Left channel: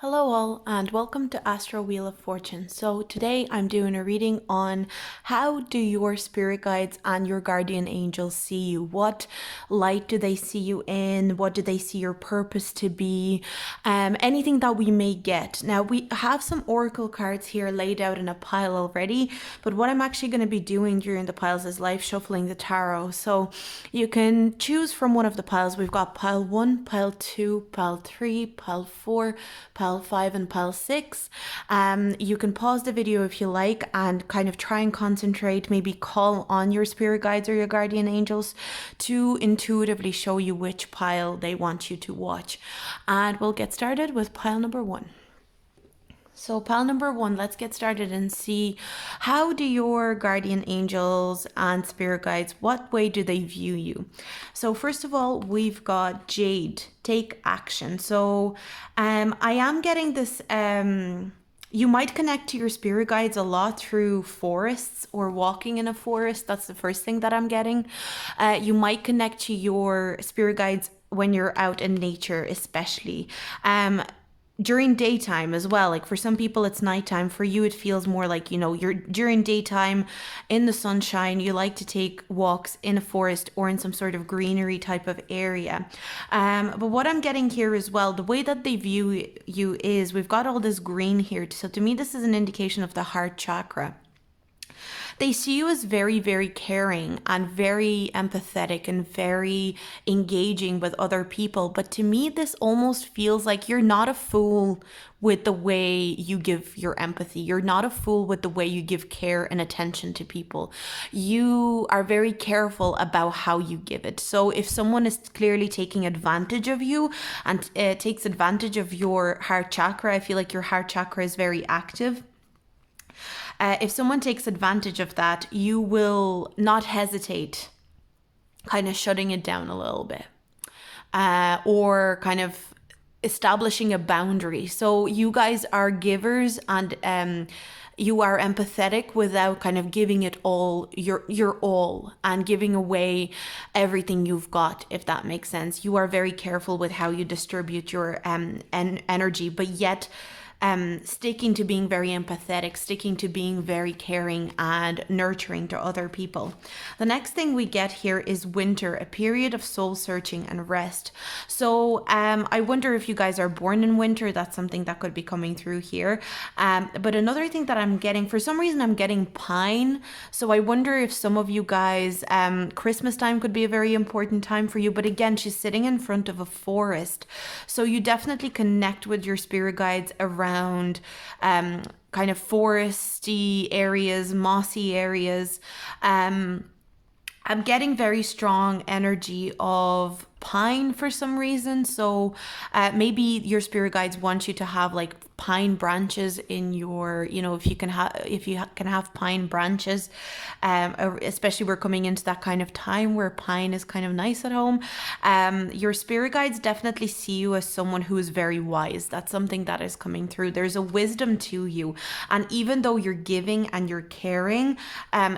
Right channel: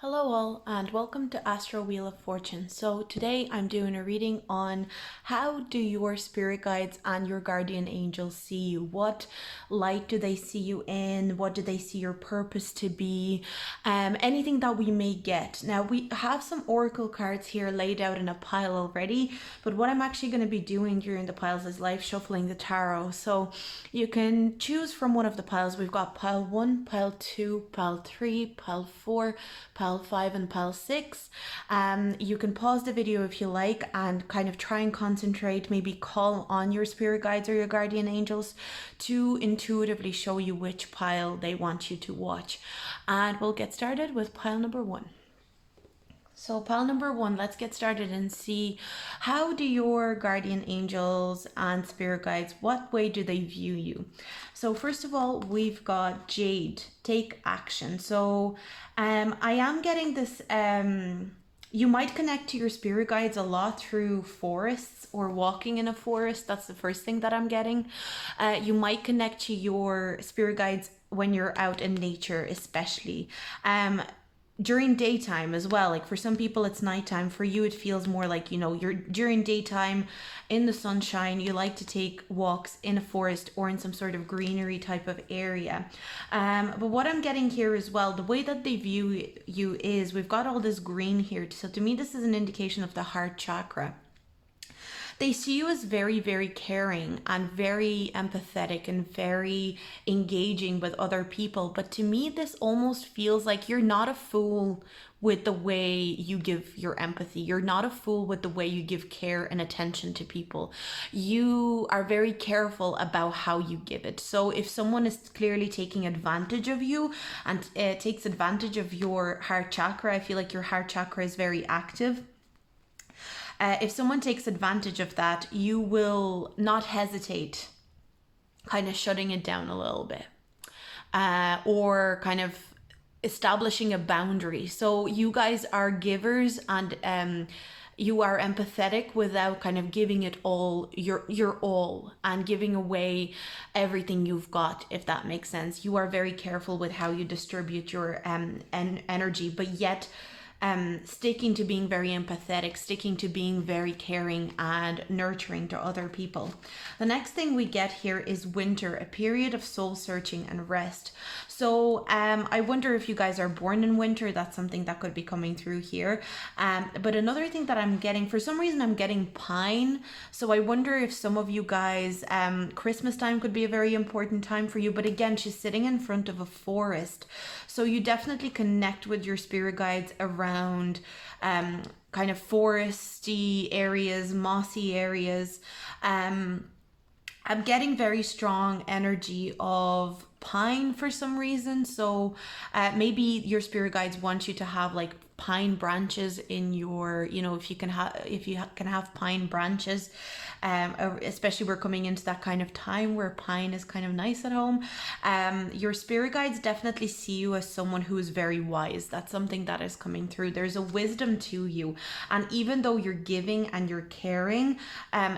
Hello all and welcome to Astro Wheel of Fortune. So today I'm doing a reading on how do your spirit guides and your guardian angels see you? What light do they see you in? What do they see your purpose to be? Anything that we may get. Now we have some oracle cards here laid out in a pile already, but what I'm actually going to be doing during the piles is live shuffling the tarot. So you can choose from one of the piles. We've got pile 1, pile 2, pile 3, pile 4, pile 5 and pile 6. You can pause the video if you like and kind of try and concentrate, maybe call on your spirit guides or your guardian angels to intuitively show you which pile they want you to watch. And we'll get started with pile number 1. So pile number 1, let's get started and see how do your guardian angels and spirit guides, what way do they view you? So first of all, we've got Jade, take action. So I am getting this, you might connect to your spirit guides a lot through forests or walking in a forest. That's the first thing that I'm getting. You might connect to your spirit guides when you're out in nature, especially. During daytime as well, like for some people it's nighttime, for you it feels more like, you're during daytime in the sunshine, you like to take walks in a forest or in some sort of greenery type of area. But what I'm getting here as well, the way that they view you is we've got all this green here, so to me this is an indication of the heart chakra. They see you as very, very caring and very empathetic and very engaging with other people. But to me, this almost feels like you're not a fool with the way you give your empathy. You're not a fool with the way you give care and attention to people. You are very careful about how you give it. So if someone is clearly taking advantage of you and takes advantage of your heart chakra, I feel like your heart chakra is very active. If someone takes advantage of that, you will not hesitate kind of shutting it down a little bit, or kind of establishing a boundary. So you guys are givers and you are empathetic without kind of giving it all your all and giving away everything you've got, if that makes sense. You are very careful with how you distribute your energy, but yet sticking to being very empathetic, sticking to being very caring and nurturing to other people. The next thing we get here is winter, a period of soul searching and rest. So I wonder if you guys are born in winter. That's something that could be coming through here. But another thing that I'm getting, for some reason I'm getting pine. So I wonder if some of you guys, Christmas time could be a very important time for you. But again, she's sitting in front of a forest. So you definitely connect with your spirit guides around kind of foresty areas, mossy areas. I'm getting very strong energy of pine for some reason. So maybe your spirit guides want you to have like pine branches in your, if you can have pine branches, especially we're coming into that kind of time where pine is kind of nice at home. Your spirit guides definitely see you as someone who is very wise. That's something that is coming through. There's a wisdom to you, and even though you're giving and you're caring,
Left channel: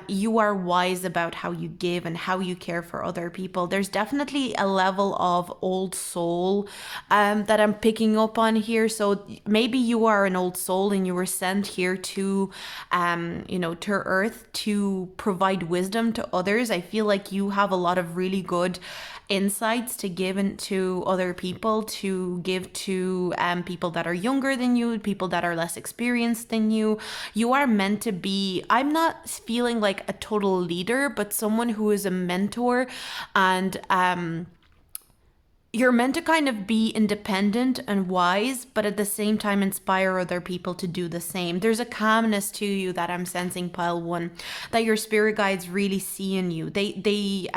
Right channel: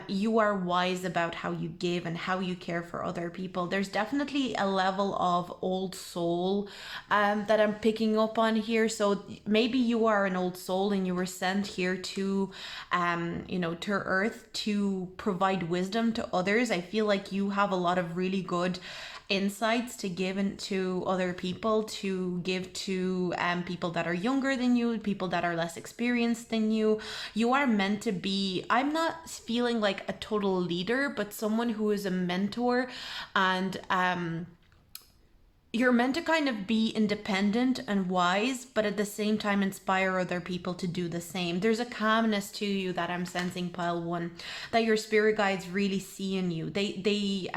you are wise about how you give and how you care for other people. There's definitely a level of old soul that I'm picking up on here. So maybe you are an old soul and you were sent here to to earth to provide wisdom to others. I feel like you have a lot of really good insights to give to other people, to give to people that are younger than you, people that are less experienced than you. You are meant to be, I'm not feeling like a total leader, but someone who is a mentor, and you're meant to kind of be independent and wise, but at the same time inspire other people to do the same. There's a calmness to you that I'm sensing, pile 1, that your spirit guides really see in you. They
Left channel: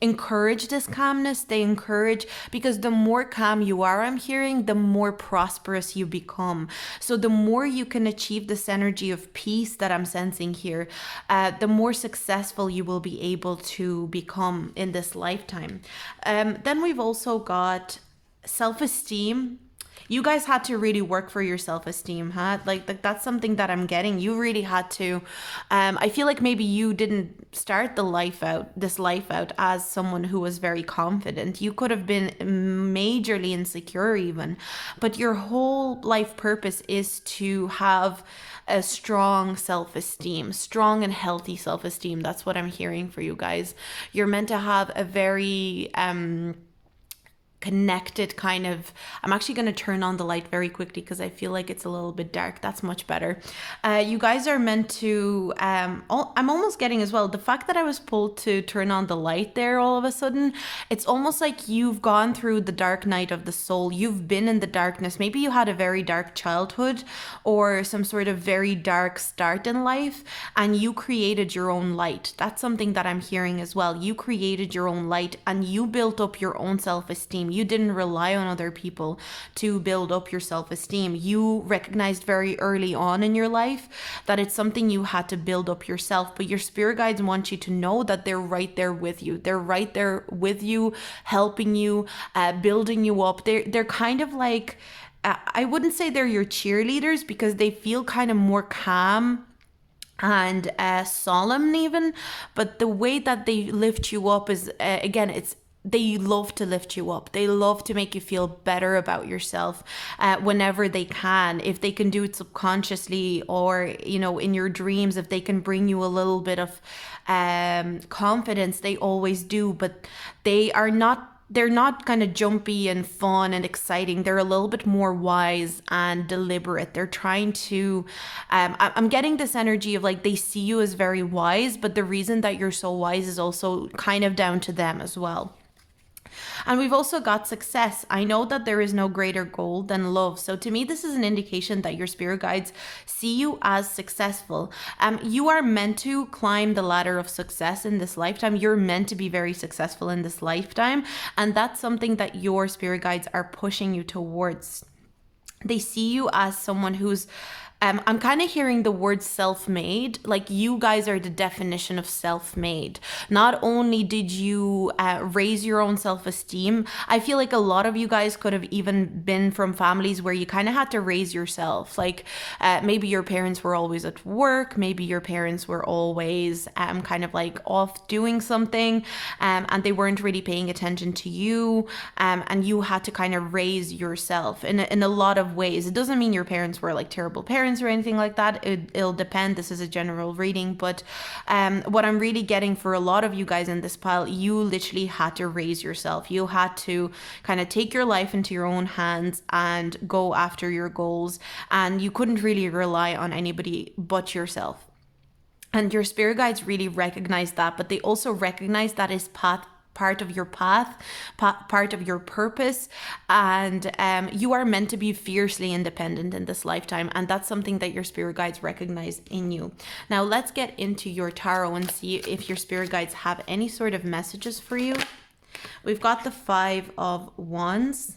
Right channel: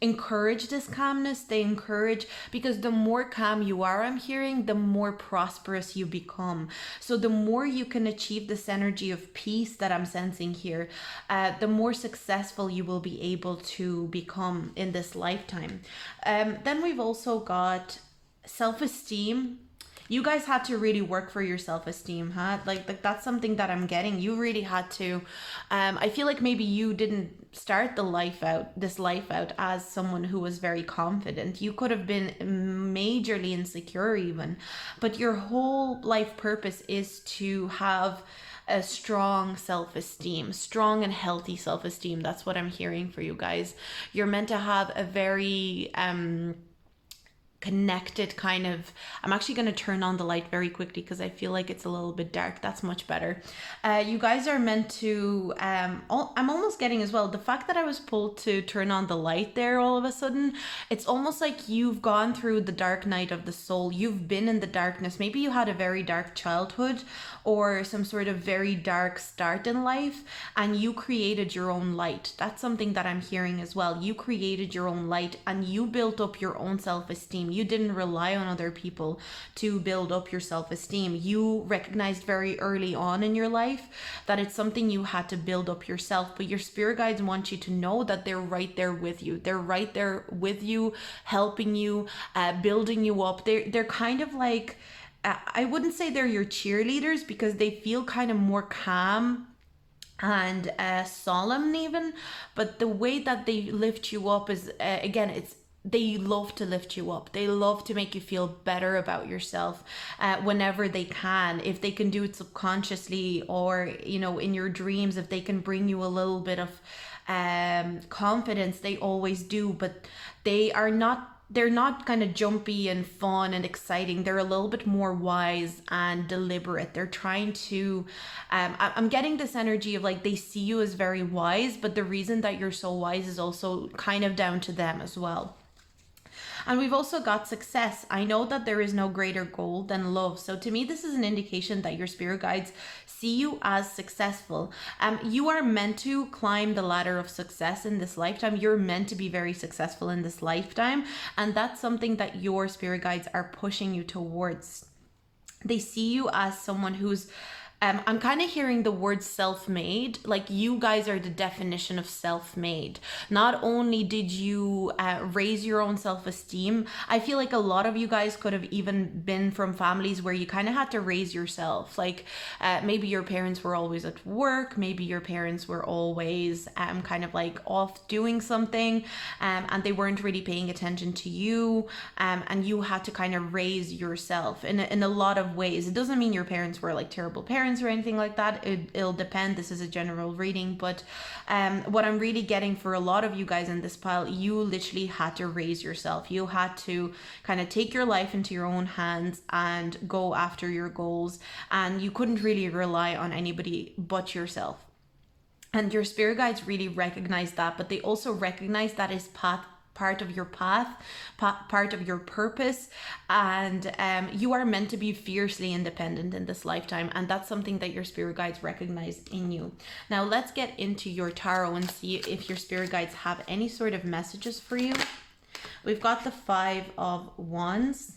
encourage this calmness. They encourage, because the more calm you are, I'm hearing, the more prosperous you become. So the more you can achieve this energy of peace that I'm sensing here, the more successful you will be able to become in this lifetime. Then we've also got self-esteem. you guys had to really work for your self-esteem, huh? Like that's something that I'm getting. You really had to. I feel like maybe you didn't start this life out as someone who was very confident. You could have been majorly insecure even, but your whole life purpose is to have a strong self-esteem, strong and healthy self-esteem. That's what I'm hearing for you guys. You're meant to have a very connected kind of. I'm actually going to turn on the light very quickly because I feel like it's a little bit dark. That's much better. You guys are meant to I'm almost getting as well the fact that I was pulled to turn on the light there all of a sudden. It's almost like you've gone through the dark night of the soul. You've been in the darkness. Maybe you had a very dark childhood or some sort of very dark start in life, and you created your own light. That's something that I'm hearing as well. You created your own light and you built up your own self-esteem. You didn't rely on other people to build up your self-esteem. You recognized very early on in your life that it's something you had to build up yourself. But your spirit guides want you to know that they're right there with you. They're right there with you, helping you, building you up. They're kind of like, I wouldn't say they're your cheerleaders because they feel kind of more calm and solemn even, but the way that they lift you up is again, it's they love to lift you up. They love to make you feel better about yourself whenever they can. If they can do it subconsciously or, you know, in your dreams, if they can bring you a little bit of confidence, they always do. But they're not kind of jumpy and fun and exciting. They're a little bit more wise and deliberate. They're trying to, I'm getting this energy of like they see you as very wise, but the reason that you're so wise is also kind of down to them as well. And we've also got success. I know that there is no greater goal than love. So to me, this is an indication that your spirit guides see you as successful. You are meant to climb the ladder of success in this lifetime. You're meant to be very successful in this lifetime. And that's something that your spirit guides are pushing you towards. They see you as someone who's I'm kind of hearing the word self-made. Like you guys are the definition of self-made. Not only did you raise your own self-esteem, I feel like a lot of you guys could have even been from families where you kind of had to raise yourself. Like maybe your parents were always at work. Maybe your parents were always kind of like off doing something and they weren't really paying attention to you. And you had to kind of raise yourself in a lot of ways. It doesn't mean your parents were like terrible parents or anything like that. It'll depend. This is a general reading, but what I'm really getting for a lot of you guys in this pile, you literally had to raise yourself. You had to kind of take your life into your own hands and go after your goals, and you couldn't really rely on anybody but yourself. And your spirit guides really recognize that, but they also recognize that is part of your path, part of your purpose, and you are meant to be fiercely independent in this lifetime, and that's something that your spirit guides recognize in you. Now let's get into your tarot and see if your spirit guides have any sort of messages for you. We've got the 5 of Wands.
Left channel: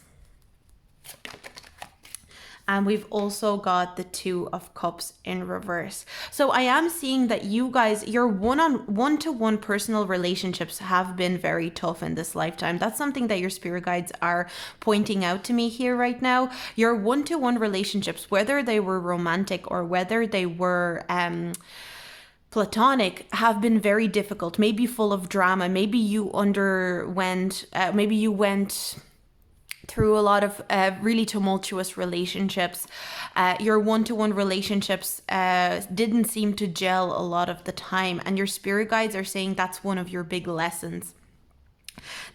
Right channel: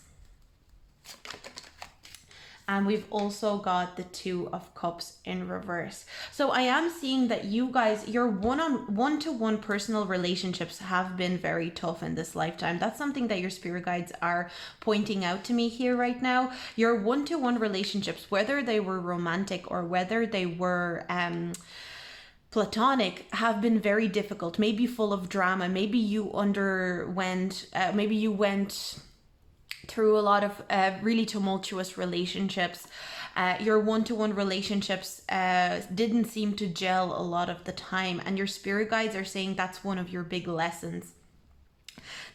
And we've also got the 2 of Cups in reverse. So I am seeing that you guys, your one-to-one personal relationships have been very tough in this lifetime. That's something that your spirit guides are pointing out to me here right now. Your one-to-one relationships, whether they were romantic or whether they were platonic, have been very difficult, maybe full of drama. Maybe you went through a lot of really tumultuous relationships. Your one-to-one relationships didn't seem to gel a lot of the time, and your spirit guides are saying that's one of your big lessons.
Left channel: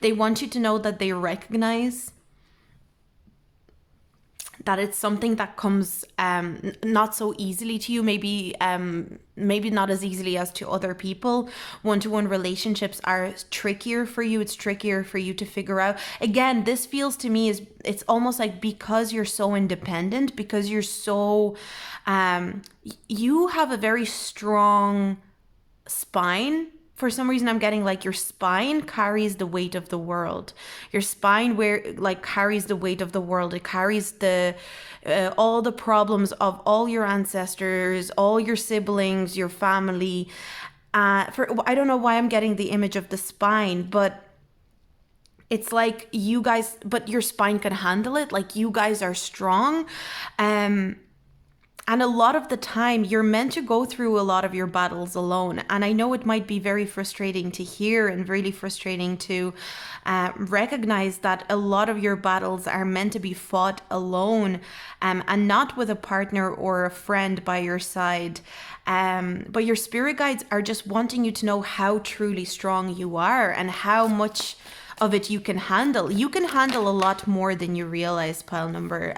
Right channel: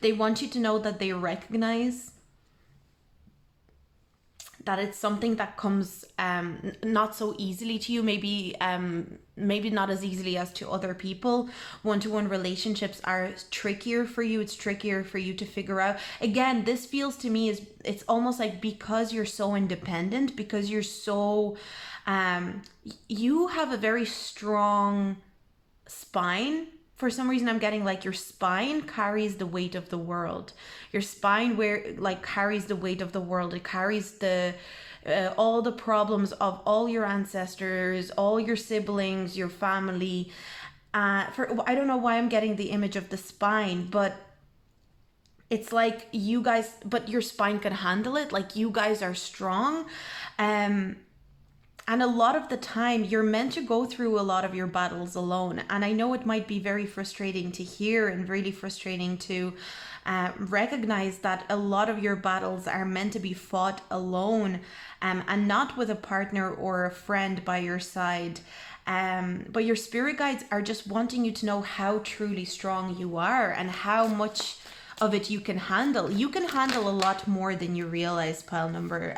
They want you to know that they recognize that it's something that comes not so easily to you, maybe not as easily as to other people. One-to-one relationships are trickier for you. It's trickier for you to figure out. Again, this feels to me is it's almost like because you're so independent, because you're so you have a very strong spine. For some reason, I'm getting like your spine carries the weight of the world. Your spine carries the weight of the world. It carries the all the problems of all your ancestors, all your siblings, your family. I don't know why I'm getting the image of the spine, but it's like you guys, but your spine can handle it. Like you guys are strong. And a lot of the time, you're meant to go through a lot of your battles alone. And I know it might be very frustrating to hear and really frustrating to recognize that a lot of your battles are meant to be fought alone, and not with a partner or a friend by your side. But your spirit guides are just wanting you to know how truly strong you are and how much of it you can handle. You can handle a lot more than you realize, pile number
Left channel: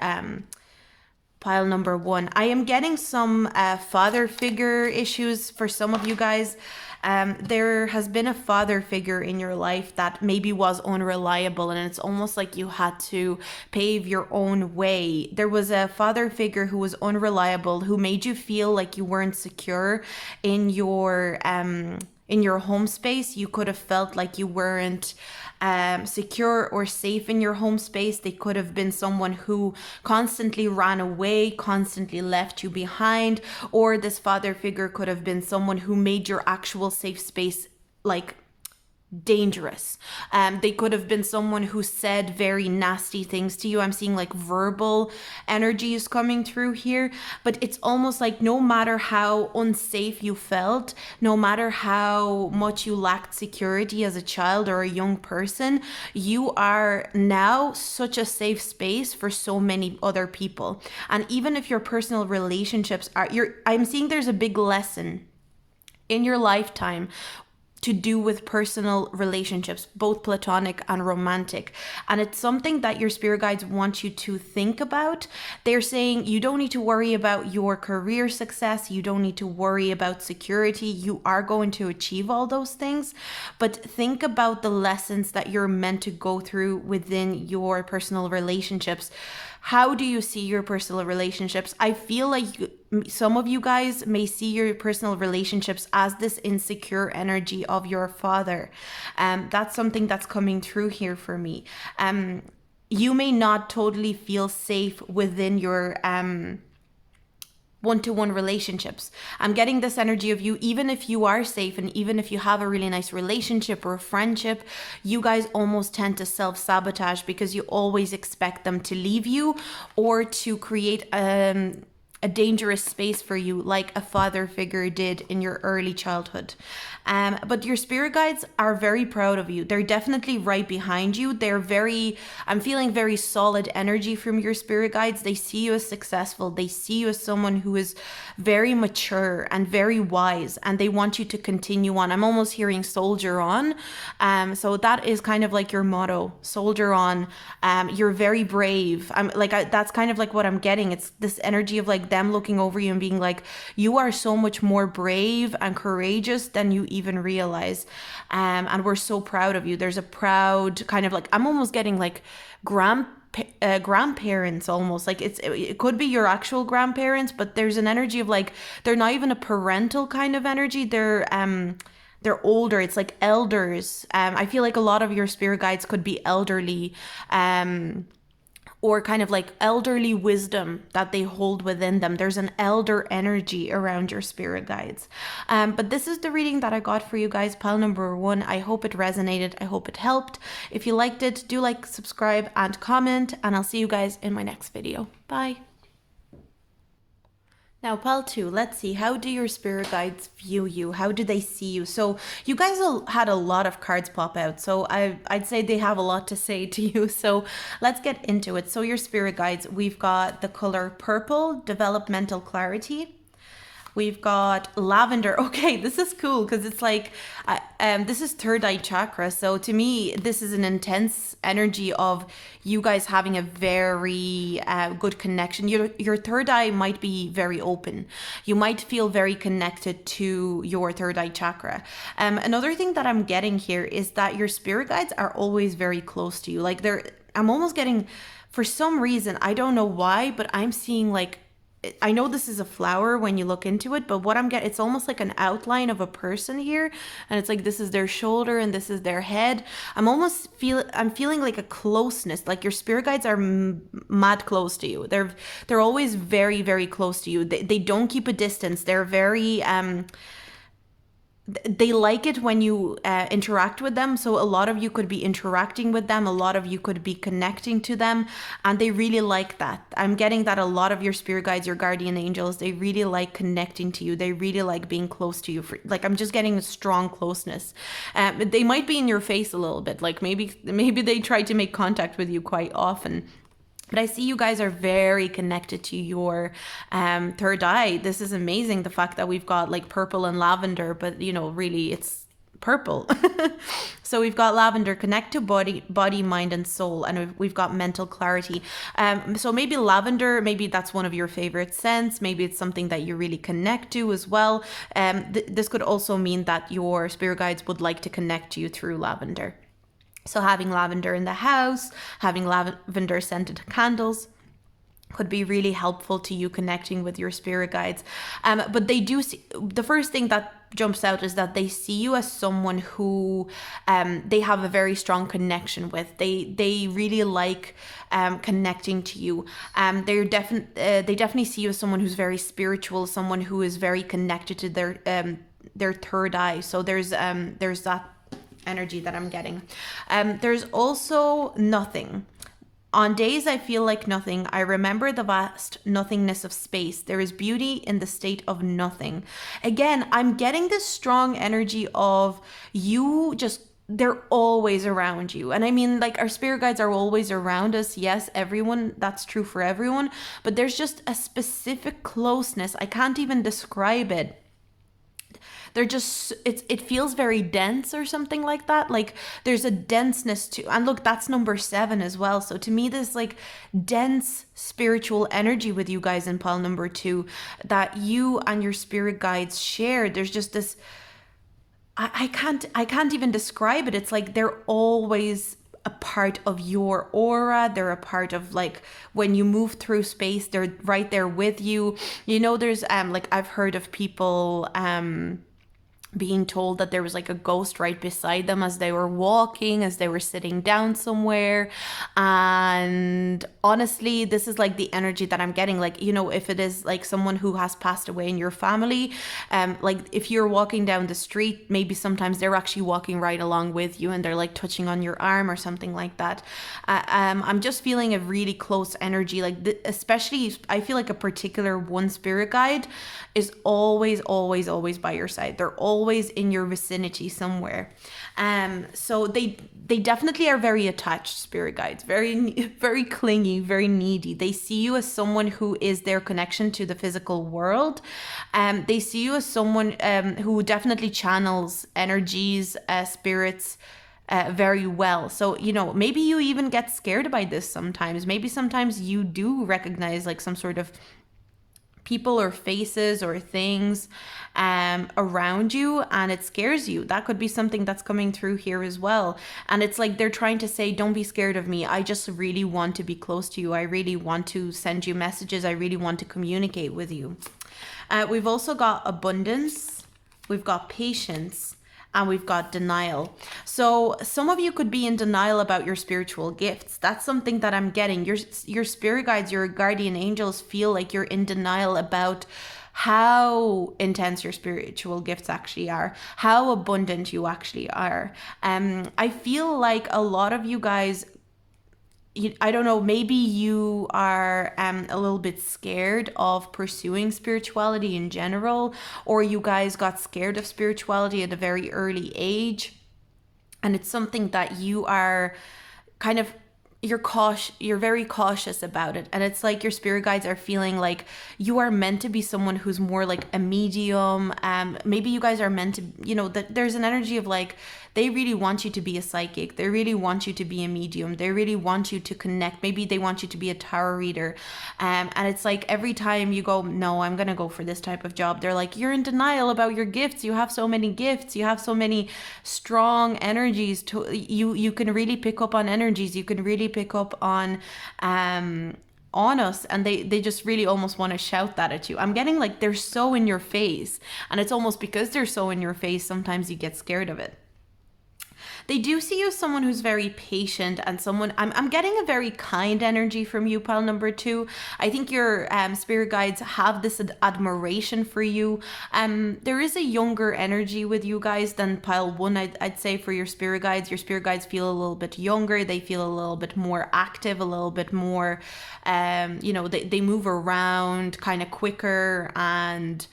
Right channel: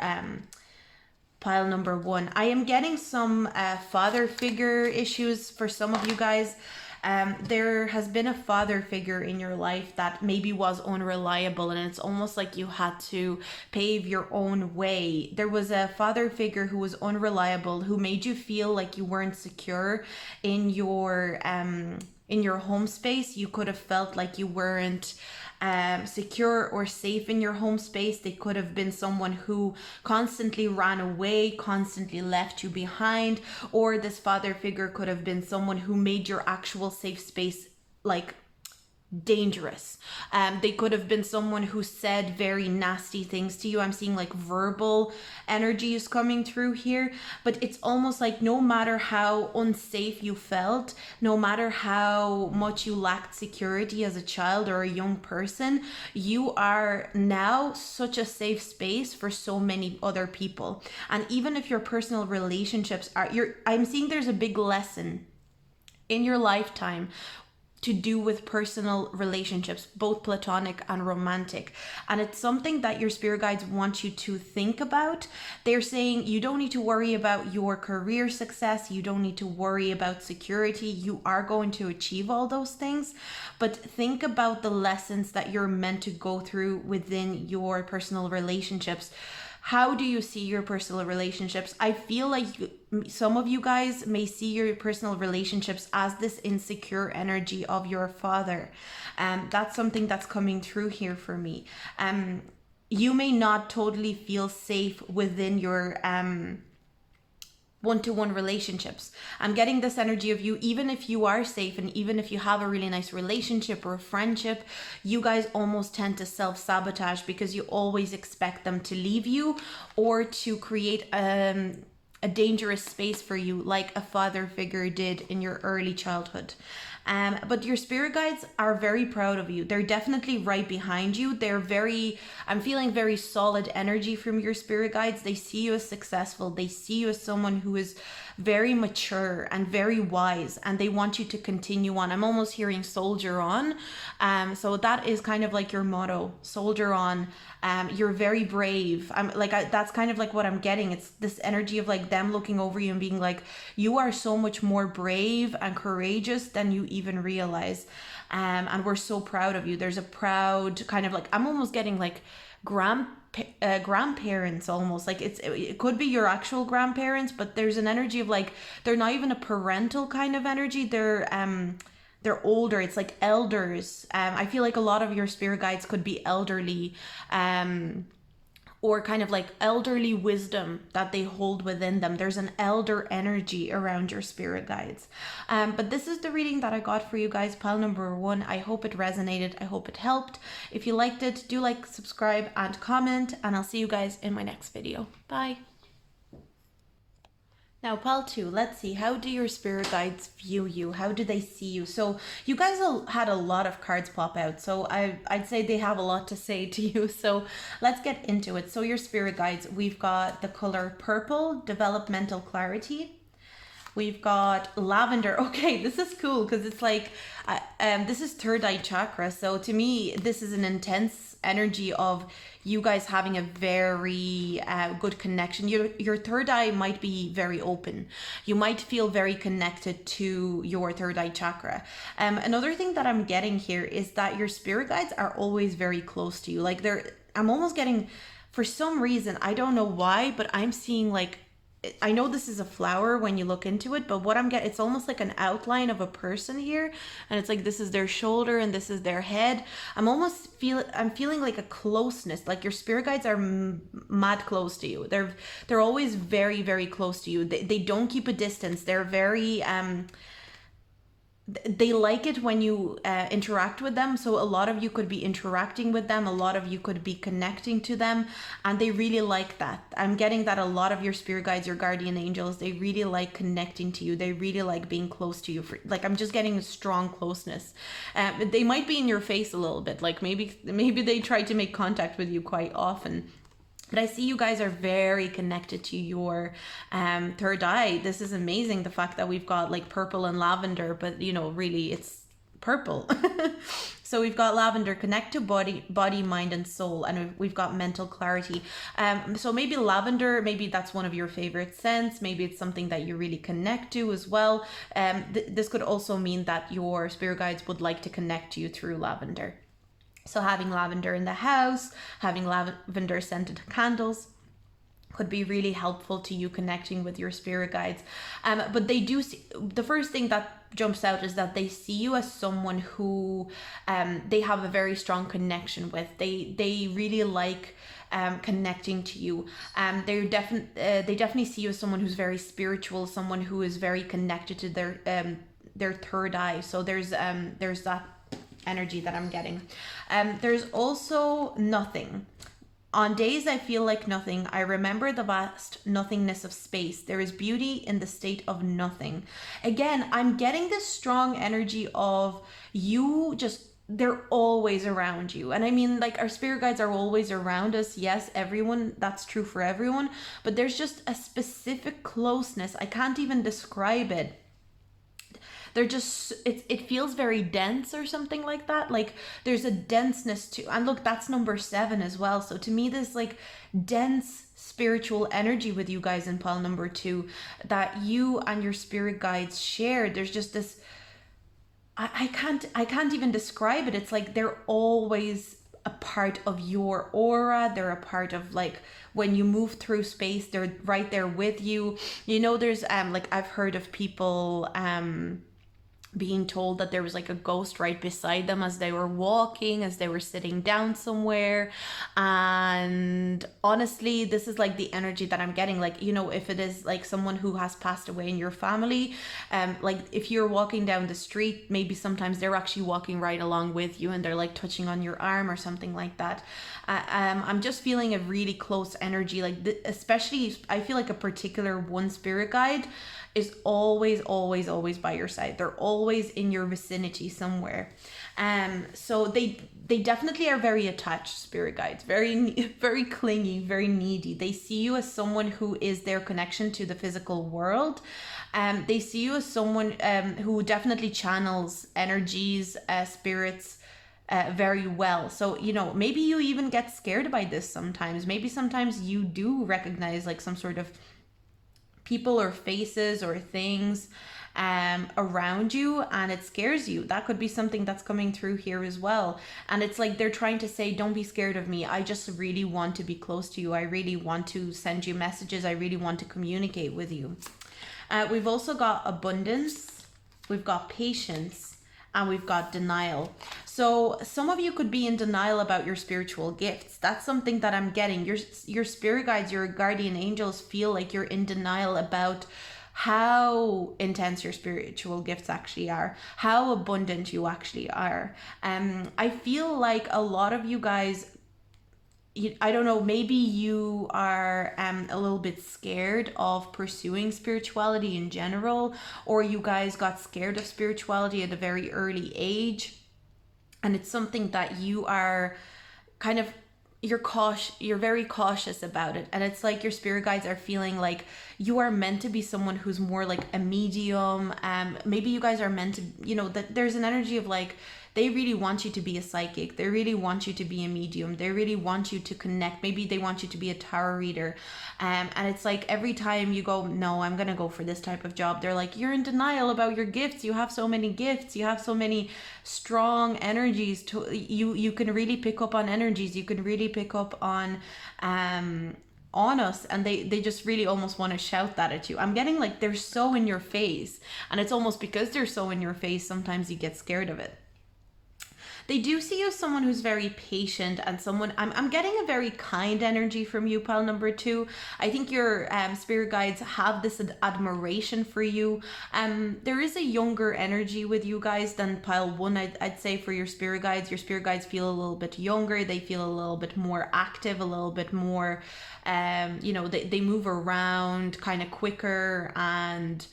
one. I am getting some father figure issues for some of you guys. There has been a father figure in your life that maybe was unreliable, and it's almost like you had to pave your own way. There was a father figure who was unreliable, who made you feel like you weren't secure in your home space. You could have felt like you weren't secure or safe in your home space. They could have been someone who constantly ran away, constantly left you behind, or this father figure could have been someone who made your actual safe space like dangerous. They could have been someone who said very nasty things to you. I'm seeing like verbal energies coming through here, but it's almost like no matter how unsafe you felt, no matter how much you lacked security as a child or a young person, you are now such a safe space for so many other people. And even if your personal relationships are, I'm seeing there's a big lesson in your lifetime to do with personal relationships, both platonic and romantic. And it's something that your spirit guides want you to think about. They're saying you don't need to worry about your career success. You don't need to worry about security. You are going to achieve all those things. But think about the lessons that you're meant to go through within your personal relationships. How do you see your personal relationships? I feel like some of you guys may see your personal relationships as this insecure energy of your father. That's something that's coming through here for me. You may not totally feel safe within your one-to-one relationships. I'm getting this energy of you, even if you are safe and even if you have a really nice relationship or a friendship, you guys almost tend to self-sabotage because you always expect them to leave you or to create a dangerous space for you, like a father figure did in your early childhood. But your spirit guides are very proud of you. They're definitely right behind you. I'm feeling very solid energy from your spirit guides. They see you as successful. They see you as someone who is very mature and very wise, and they want you to continue on. I'm almost hearing soldier on. So that is kind of like your motto, soldier on. You're very brave. That's kind of like what I'm getting. It's this energy of like them looking over you and being like, you are so much more brave and courageous than you even realize. And we're so proud of you. There's a proud kind of like, I'm almost getting like grandparents almost, like it could be your actual grandparents, but there's an energy of like they're not even a parental kind of energy. They're older. It's like elders. I feel like a lot of your spirit guides could be elderly, or kind of like elderly wisdom that they hold within them. There's an elder energy around your spirit guides. But this is the reading that I got for you guys, pile number one. I hope it resonated. I hope it helped. If you liked it, do like, subscribe, and comment, and I'll see you guys in my next video. Bye. Now, pile two, let's see, how do your spirit guides view you? How do they see you? So you guys had a lot of cards pop out, so I'd say they have a lot to say to you. So let's get into it. So your spirit guides, we've got the color purple, developmental clarity. We've got lavender. Okay, this is cool because it's like, this is third eye chakra. So to me, this is an intense energy of you guys having a very good connection. Your third eye might be very open. You might feel very connected to your third eye chakra. Another thing that I'm getting here is that your spirit guides are always very close to you. Like I'm almost getting, for some reason, I don't know why, but I'm seeing like, I know this is a flower when you look into it, but what I'm getting, it's almost like an outline of a person here, and it's like this is their shoulder and this is their head. I'm feeling like a closeness, like your spirit guides are mad close to you. They're always very, very close to you. They don't keep a distance. They're very they like it when you interact with them. So a lot of you could be interacting with them, a lot of you could be connecting to them, and they really like that. I'm getting that a lot of your spirit guides, your guardian angels, they really like connecting to you, they really like being close to you. Like, I'm just getting a strong closeness. They might be in your face a little bit, like maybe they try to make contact with you quite often. But I see you guys are very connected to your third eye. This is amazing. The fact that we've got like purple and lavender, but really it's purple. So we've got lavender, connect to body, mind, and soul, and we've got mental clarity. So maybe lavender, maybe that's one of your favorite scents. Maybe it's something that you really connect to as well. This could also mean that your spirit guides would like to connect to you through lavender. So having lavender in the house, having lavender scented candles could be really helpful to you connecting with your spirit guides. But they do see, the first thing that jumps out is that they see you as someone who they have a very strong connection with. They really like connecting to you. They definitely see you as someone who's very spiritual, someone who is very connected to their third eye. So there's that energy that I'm getting. There's also nothing. On days I feel like nothing, I remember the vast nothingness of space. There is beauty in the state of nothing. Again, I'm getting this strong energy of you just, they're always around you. And I mean, like, our spirit guides are always around us. Yes, everyone, that's true for everyone. But there's just a specific closeness. I can't even describe it. They're just, it feels very dense or something like that. Like, there's a denseness to, and look, that's number 7 as well. So to me, there's like dense spiritual energy with you guys in pile number 2 that you and your spirit guides share. There's just this, I can't even describe it. It's like they're always a part of your aura. They're a part of, like, when you move through space, they're right there with you. There's like, I've heard of people being told that there was like a ghost right beside them as they were walking, as they were sitting down somewhere. And honestly, this is like the energy that I'm getting. Like, if it is like someone who has passed away in your family, like if you're walking down the street, maybe sometimes they're actually walking right along with you and they're like touching on your arm or something like that. I'm just feeling a really close energy, like especially I feel like a particular one spirit guide is always by your side. They're always in your vicinity somewhere. So they definitely are very attached spirit guides, very, very clingy, very needy. They see you as someone who is their connection to the physical world. They see you as someone who definitely channels energies, spirits, very well. So, maybe you even get scared by this sometimes. Maybe sometimes you do recognize like some sort of people or faces or things around you, and it scares you. That could be something that's coming through here as well. And it's like they're trying to say, don't be scared of me. I just really want to be close to you. I really want to send you messages. I really want to communicate with you. We've also got abundance. We've got patience. And we've got denial. So some of you could be in denial about your spiritual gifts. That's something that I'm getting. Your spirit guides, your guardian angels feel like you're in denial about how intense your spiritual gifts actually are, how abundant you actually are. I feel like a lot of you guys, I don't know, maybe you are a little bit scared of pursuing spirituality in general, or you guys got scared of spirituality at a very early age, and it's something that you are kind of, you're very cautious about it. And it's like your spirit guides are feeling like you are meant to be someone who's more like a medium. Maybe you guys are meant to, that there's an energy of like, they really want you to be a psychic. They really want you to be a medium. They really want you to connect. Maybe they want you to be a tarot reader. And it's like every time you go, no, I'm going to go for this type of job, they're like, you're in denial about your gifts. You have so many gifts. You have so many strong energies. You can really pick up on energies. You can really pick up on us, and they just really almost want to shout that at you. I'm getting like they're so in your face, and it's almost because they're so in your face, sometimes you get scared of it. They do see you as someone who's very patient and someone, I'm getting a very kind energy from you, pile number 2. I think your spirit guides have this admiration for you. There is a younger energy with you guys than pile 1. I'd say for your spirit guides. Your spirit guides feel a little bit younger. They feel a little bit more active, a little bit more, they move around kind of quicker, and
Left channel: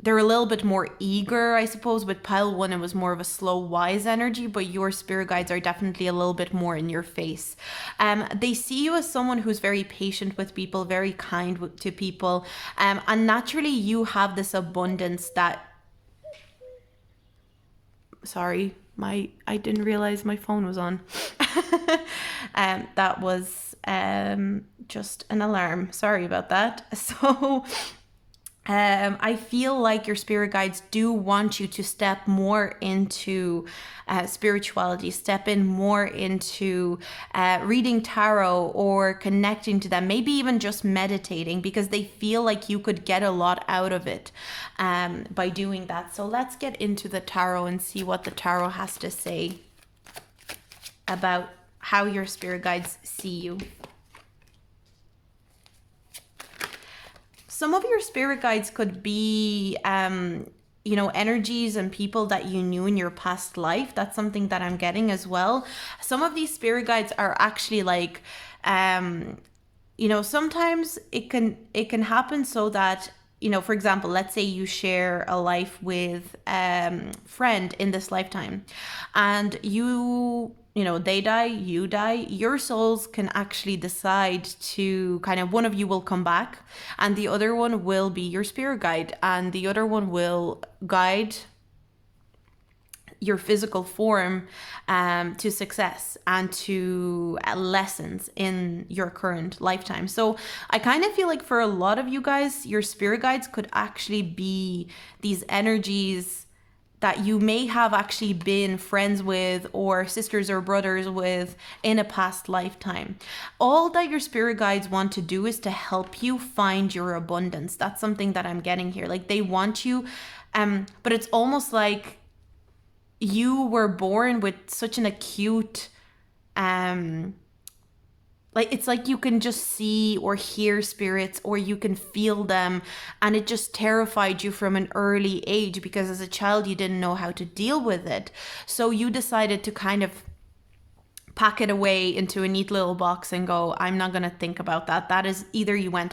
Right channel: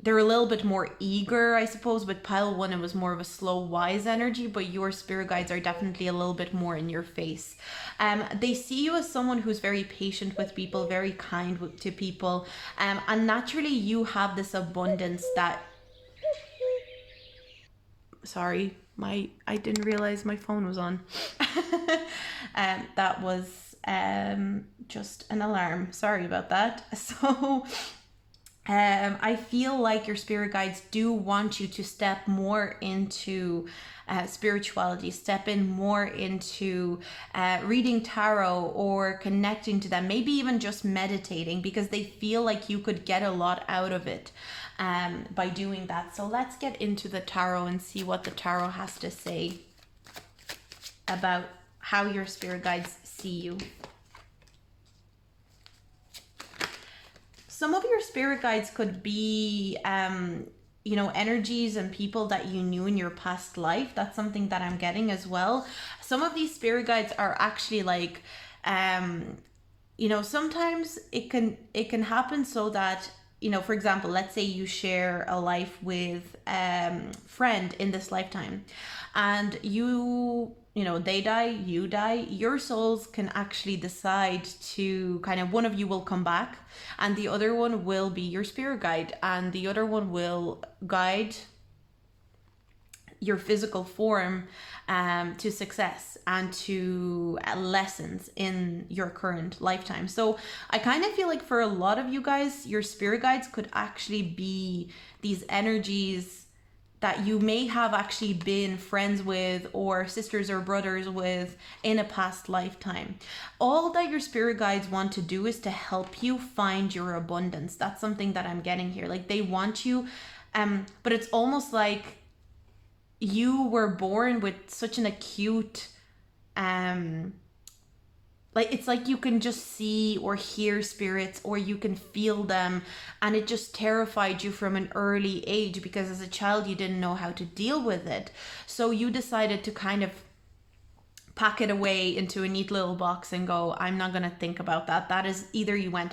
they're a little bit more eager, I suppose. With pile 1, it was more of a slow, wise energy, but your spirit guides are definitely a little bit more in your face. They see you as someone who's very patient with people, very kind to people, and naturally you have this abundance that... Sorry, I didn't realize my phone was on. That was just an alarm. Sorry about that. So I feel like your spirit guides do want you to step more into spirituality, step in more into reading tarot or connecting to them, maybe even just meditating, because they feel like you could get a lot out of it by doing that. So let's get into the tarot and see what the tarot has to say about how your spirit guides see you. Some of your spirit guides could be, energies and people that you knew in your past life. That's something that I'm getting as well. Some of these spirit guides are actually like, sometimes it can happen so that, for example, let's say you share a life with friend in this lifetime, and they die, you die, your souls can actually decide to kind of, one of you will come back and the other one will be your spirit guide, and the other one will guide your physical form to success and to lessons in your current lifetime. So I kind of feel like for a lot of you guys, your spirit guides could actually be these energies that you may have actually been friends with or sisters or brothers with in a past lifetime. All that your spirit guides want to do is to help you find your abundance. That's something that I'm getting here. Like they want you, but it's almost like you were born with such an acute, it's like you can just see or hear spirits, or you can feel them, and it just terrified you from an early age because as a child you didn't know how to deal with it. So you decided to kind of pack it away into a neat little box and go, I'm not going to think about that. That is either you went,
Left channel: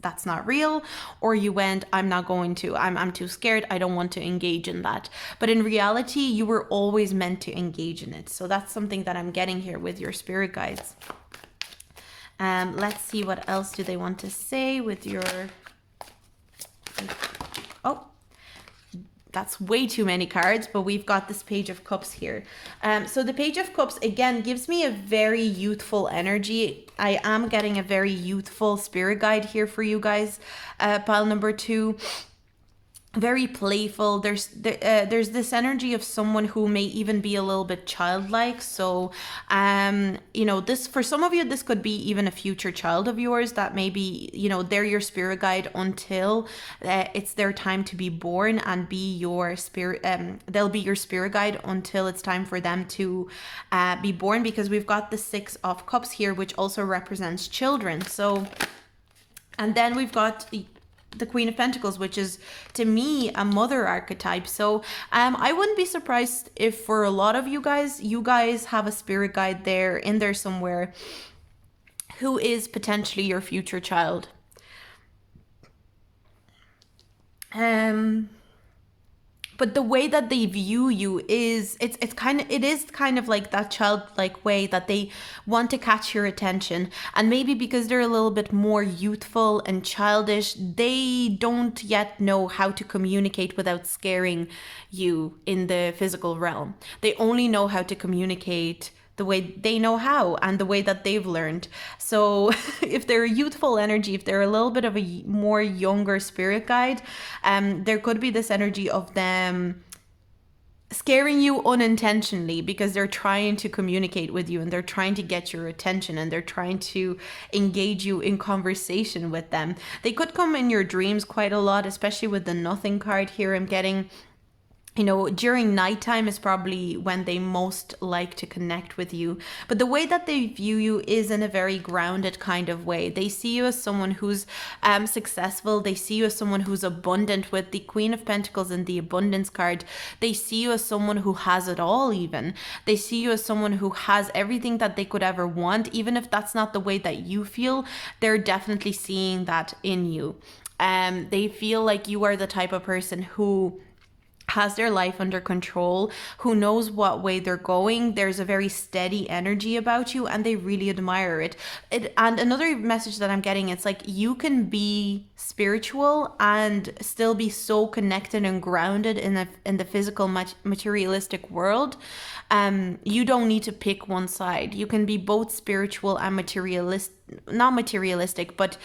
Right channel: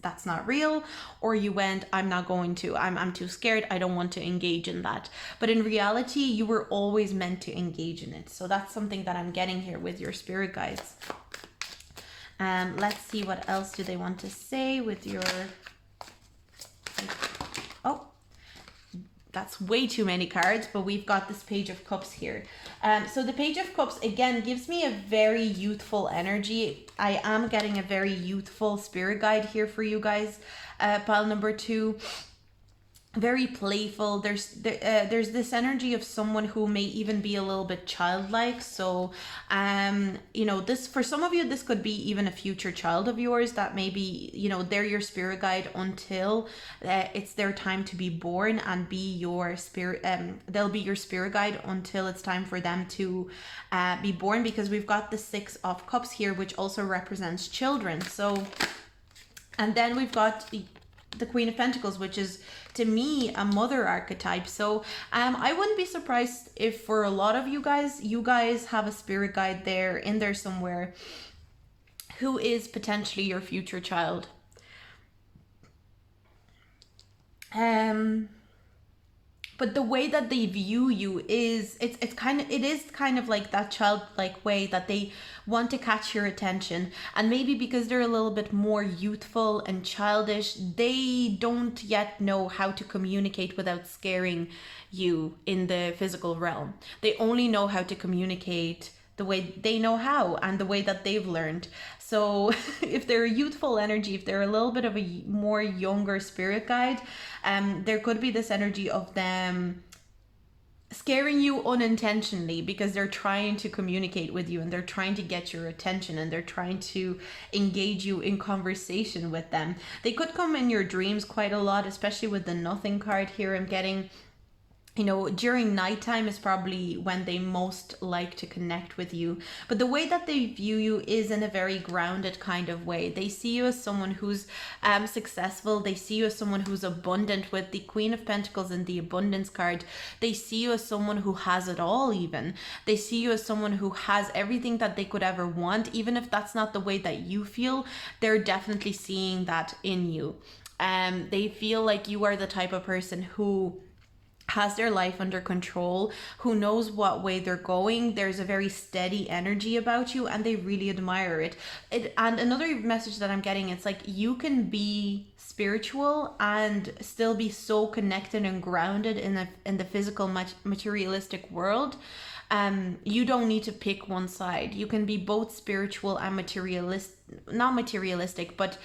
that's not real, or you went, I'm not going to, I'm too scared, I don't want to engage in that. But in reality, you were always meant to engage in it. So that's something that I'm getting here with your spirit guides. Let's see what else do they want to say with your... Oh, that's way too many cards, but we've got this Page of Cups here. So the Page of Cups, again, gives me a very youthful energy. I am getting a very youthful spirit guide here for you guys, pile number 2. Very playful. There's this energy of someone who may even be a little bit childlike. So this, for some of you, this could be even a future child of yours that maybe they're your spirit guide until it's their time to be born and be your spirit. They'll be your spirit guide until it's time for them to be born, because we've got the 6 of Cups here, which also represents children. So, and then we've got the Queen of Pentacles, which is to me a mother archetype. So I wouldn't be surprised if for a lot of you guys have a spirit guide there in there somewhere who is potentially your future child. But the way that they view you is it is kind of like that childlike way that they want to catch your attention. And maybe because they're a little bit more youthful and childish, they don't yet know how to communicate without scaring you in the physical realm. They only know how to communicate the way they know how and the way that they've learned. So if they're a youthful energy, if they're a little bit of a more younger spirit guide, there could be this energy of them scaring you unintentionally because they're trying to communicate with you and they're trying to get your attention and they're trying to engage you in conversation with them. They could come in your dreams quite a lot, especially with the Nothing card here I'm getting. You know, during nighttime is probably when they most like to connect with you. But the way that they view you is in a very grounded kind of way. They see you as someone who's successful. They see you as someone who's abundant. With the Queen of Pentacles and the Abundance card, they see you as someone who has it all. Even they see you as someone who has everything that they could ever want. Even if that's not the way that you feel, they're definitely seeing that in you. They feel like you are the type of person who has their life under control, who knows what way they're going. There's a very steady energy about you, and they really admire it. And another message that I'm getting, it's like you can be spiritual and still be so connected and grounded in the physical materialistic world. You don't need to pick one side. You can be both spiritual and not materialistic, but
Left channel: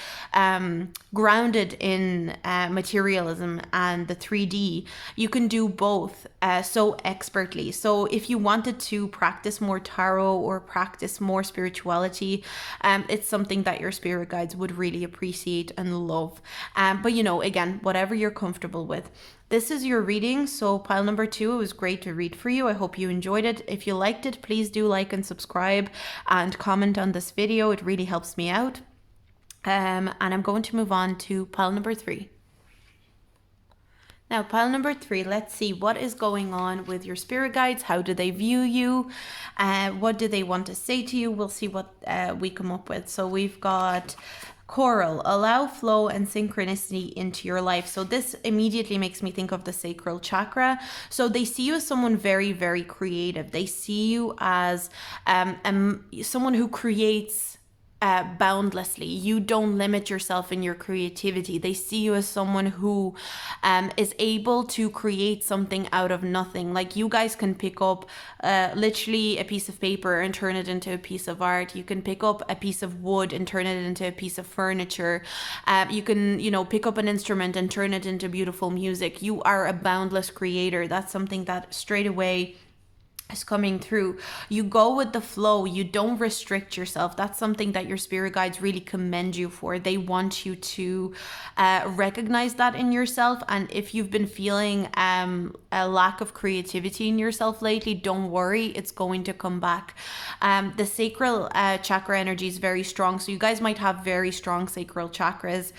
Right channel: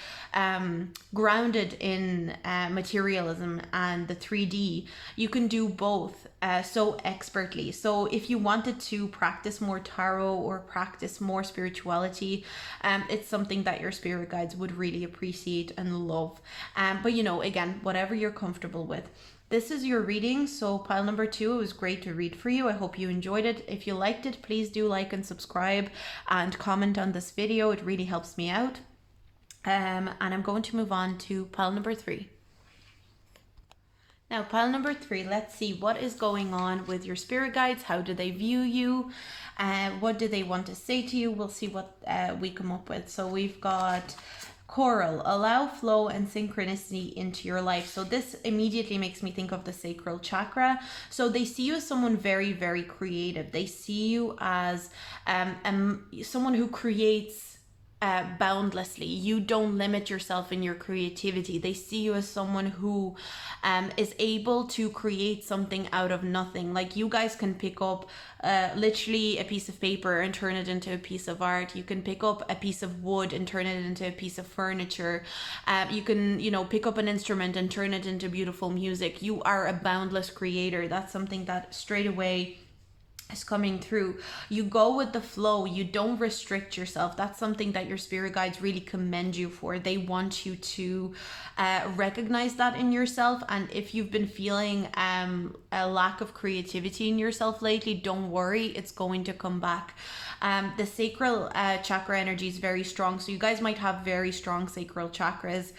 grounded in materialism and the 3D. You can do both so expertly. So if you wanted to practice more tarot or practice more spirituality, it's something that your spirit guides would really appreciate and love. But you know, again, whatever you're comfortable with. This is your reading, so pile number 2, it was great to read for you. I hope you enjoyed it. If you liked it, please do like and subscribe and comment on this video. It really helps me out. And I'm going to move on to pile number 3. Now, pile number 3, let's see what is going on with your spirit guides. How do they view you? What do they want to say to you? We'll see what we come up with. So we've got Coral, allow flow and synchronicity into your life. So this immediately makes me think of the sacral chakra. So they see you as someone very, very creative. They see you as someone who creates boundlessly. You don't limit yourself in your creativity. They see you as someone who is able to create something out of nothing. Like you guys can pick up literally a piece of paper and turn it into a piece of art. You can pick up a piece of wood and turn it into a piece of furniture. You can, you know, pick up an instrument and turn it into beautiful music. You are a boundless creator. That's something that straight away is coming through. You go with the flow. You don't restrict yourself. That's something that your spirit guides really commend you for. They want you to recognize that in yourself. And if you've been feeling a lack of creativity in yourself lately, don't worry, it's going to come back. The sacral chakra energy is very strong, so you guys might have very strong sacral chakras.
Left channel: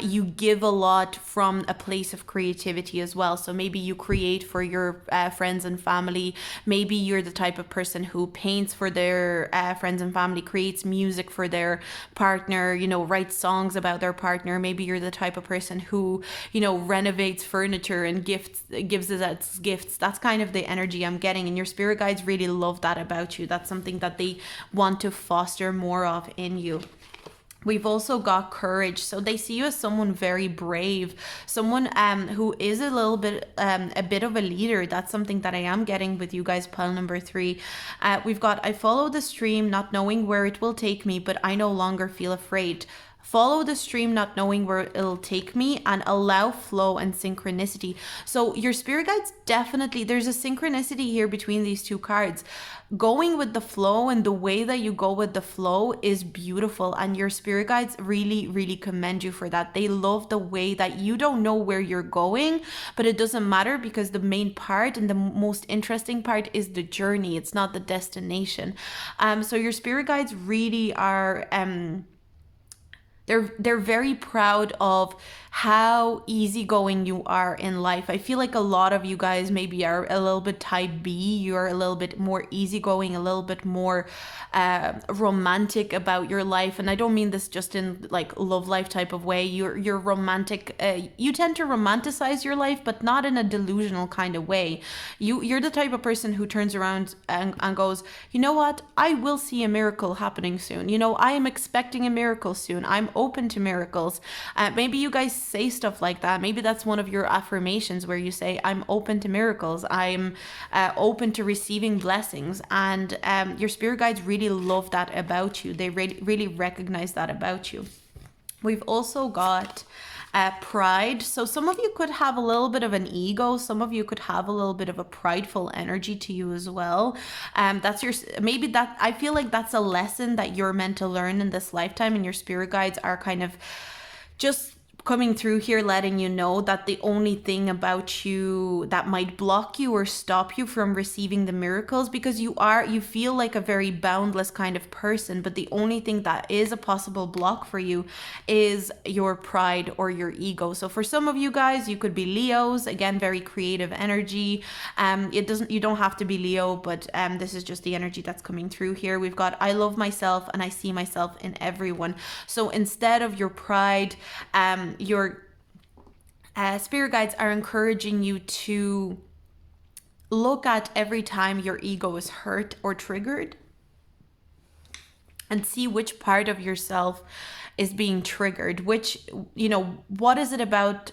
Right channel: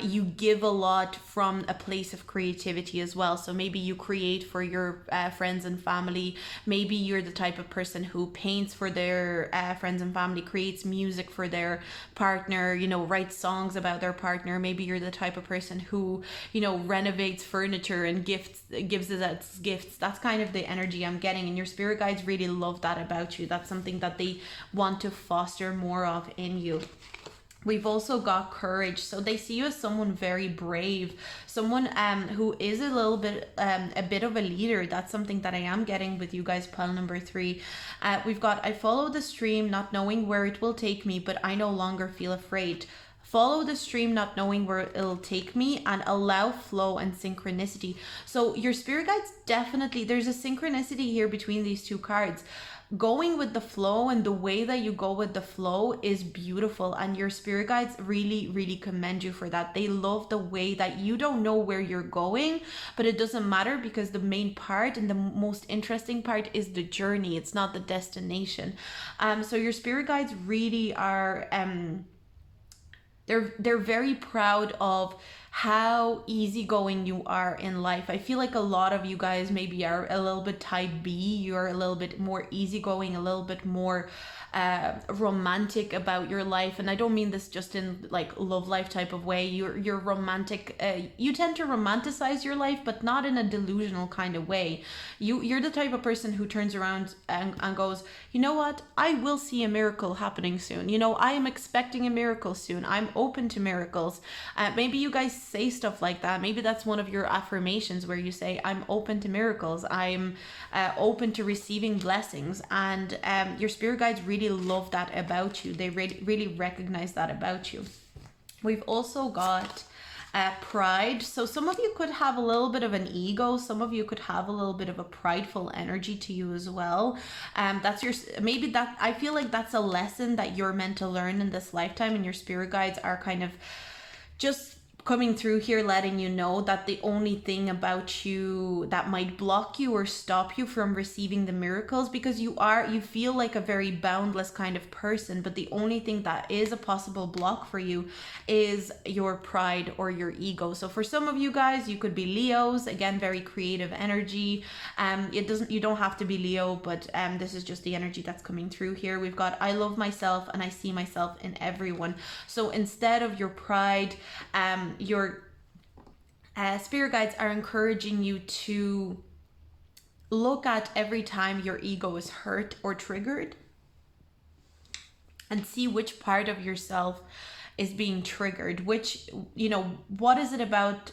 You give a lot from a place of creativity as well. So maybe you create for your friends and family. Maybe you're the type of person who paints for their friends and family, creates music for their partner, you know, writes songs about their partner. Maybe you're the type of person who, you know, renovates furniture and gives it as gifts. That's kind of the energy I'm getting, and your spirit guides really love that about you. That's something that they want to foster more of in you. We've also got courage. So they see you as someone very brave, someone who is a little bit a bit of a leader. That's something that I am getting with you guys. Pile number 3. We've got, I follow the stream not knowing where it will take me, but I no longer feel afraid. Follow the stream not knowing where it'll take me, and allow flow and synchronicity. So your spirit guides definitely, there's a synchronicity here between these two cards. Going with the flow, and the way that you go with the flow is beautiful, and your spirit guides really, really commend you for that. They love the way that you don't know where you're going, but it doesn't matter, because the main part and the most interesting part is the journey. It's not the destination. So your spirit guides really are they're very proud of how easygoing you are in life. I feel like a lot of you guys maybe are a little bit type B. You're a little bit more easygoing, a little bit more romantic about your life. And I don't mean this just in like love life type of way. You're romantic. You tend to romanticize your life, but not in a delusional kind of way. You're the type of person who turns around and goes, you know what? I will see a miracle happening soon. You know, I am expecting a miracle soon. I'm open to miracles. Maybe you guys say stuff like that. Maybe that's one of your affirmations where you say, I'm open to miracles. I'm open to receiving blessings. And your spirit guides really love that about you. They really recognize that about you. We've also got pride. So some of you could have a little bit of an ego. Some of you could have a little bit of a prideful energy to you as well. That's maybe that, I feel like that's a lesson that you're meant to learn in this lifetime, and your spirit guides are kind of just coming through here letting you know that the only thing about you that might block you or stop you from receiving the miracles, because you feel like a very boundless kind of person, but the only thing that is a possible block for you is your pride or your ego. So for some of you guys, you could be Leos, again, very creative energy. You don't have to be Leo, but this is just the energy that's coming through here. We've got, I love myself and I see myself in everyone. So instead of your pride, your spirit guides are encouraging you to look at every time your ego is hurt or triggered and see which part of yourself is being triggered, what is it about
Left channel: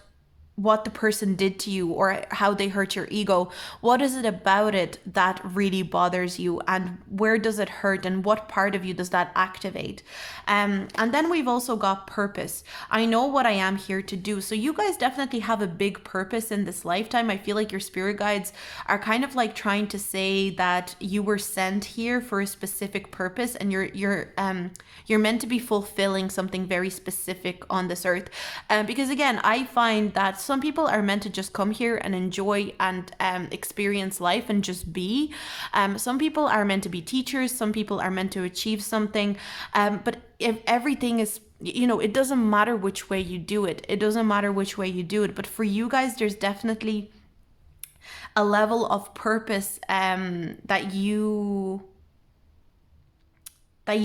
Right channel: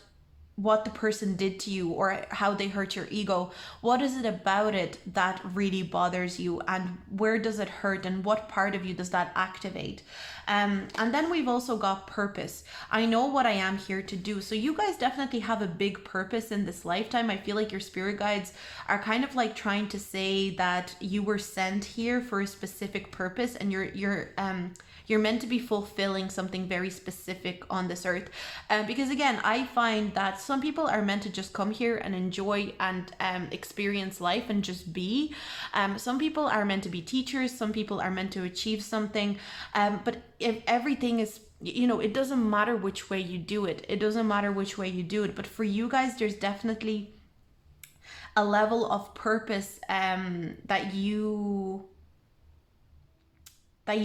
what the person did to you or how they hurt your ego? What is it about it that really bothers you, and where does it hurt, and what part of you does that activate? And then we've also got purpose. I know what I am here to do. So you guys definitely have a big purpose in this lifetime. I feel like your spirit guides are kind of like trying to say that you were sent here for a specific purpose, and you're meant to be fulfilling something very specific on this earth. Because again, I find that some people are meant to just come here and enjoy and experience life and just be. Some people are meant to be teachers. Some people are meant to achieve something. But if everything is, it doesn't matter which way you do it. It doesn't matter which way you do it. But for you guys, there's definitely a level of purpose that you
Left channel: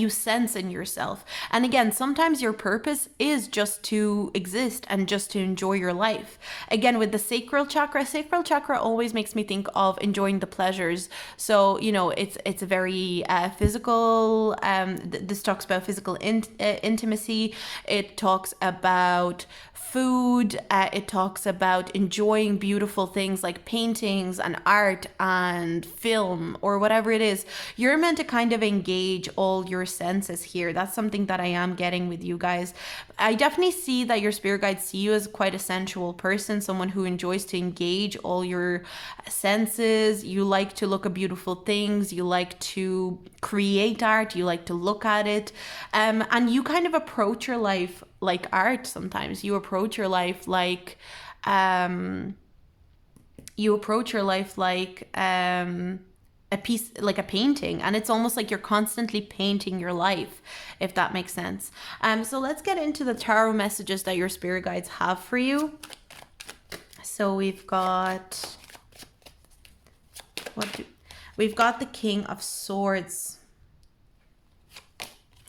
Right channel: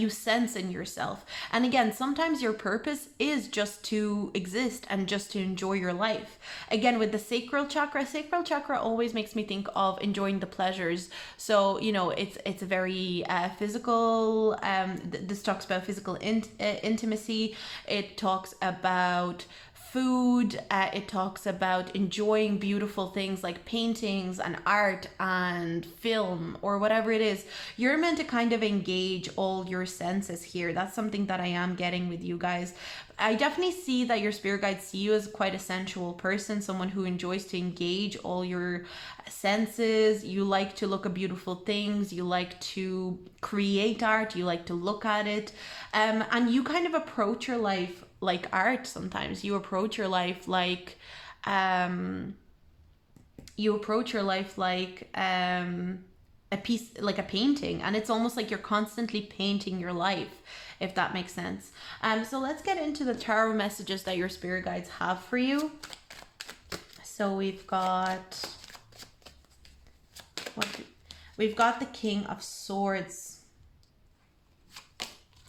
sense in yourself. And again, sometimes your purpose is just to exist and just to enjoy your life. Again, with the sacral chakra always makes me think of enjoying the pleasures. So, it's a very physical, this talks about physical intimacy. It talks about food. It talks about enjoying beautiful things like paintings and art and film or whatever it is. You're meant to kind of engage all your senses here. That's something that I am getting with you guys. I definitely see that your spirit guides see you as quite a sensual person, someone who enjoys to engage all your senses. You like to look at beautiful things. You like to create art. You like to look at it. And you kind of approach your life like art. Sometimes you approach your life like a piece, like a painting, and it's almost like you're constantly painting your life, if that makes sense. So let's get into the tarot messages that your spirit guides have for you. So we've got the King of Swords.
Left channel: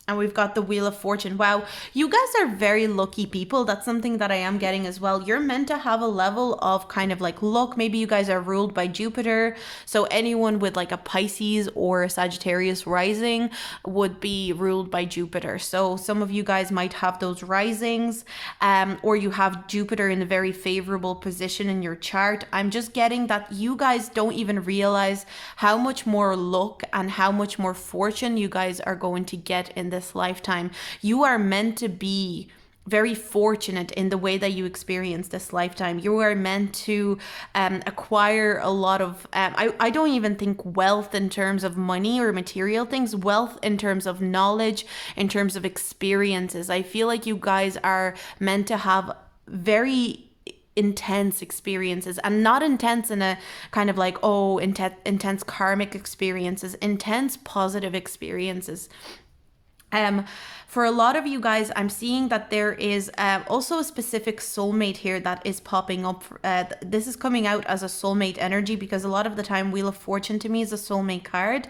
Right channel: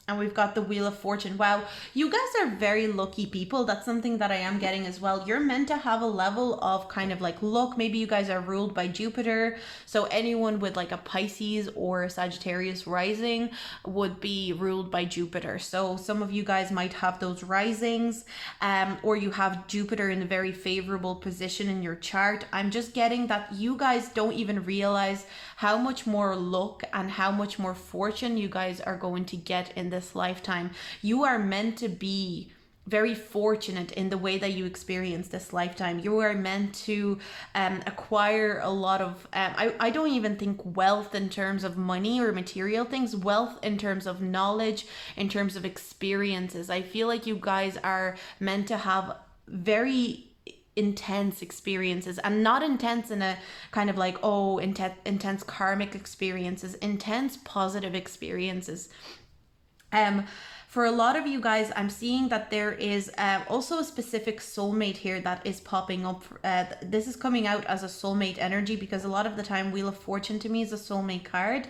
And we've got the Wheel of Fortune. Wow, you guys are very lucky people. That's something that I am getting as well. You're meant to have a level of kind of like luck. Maybe you guys are ruled by Jupiter. So anyone with like a Pisces or a Sagittarius rising would be ruled by Jupiter. So some of you guys might have those risings, or you have Jupiter in a very favorable position in your chart. I'm just getting that you guys don't even realize how much more luck and how much more fortune you guys are going to get in this lifetime. You are meant to be very fortunate in the way that you experience this lifetime. You are meant to acquire a lot of I don't even think wealth in terms of money or material things, wealth in terms of knowledge, in terms of experiences. I feel like you guys are meant to have very intense experiences, and not intense in a kind of like intense karmic experiences, intense positive experiences. For a lot of you guys, I'm seeing that there is also a specific soulmate here that is popping up. This is coming out as a soulmate energy, because a lot of the time Wheel of Fortune to me is a soulmate card.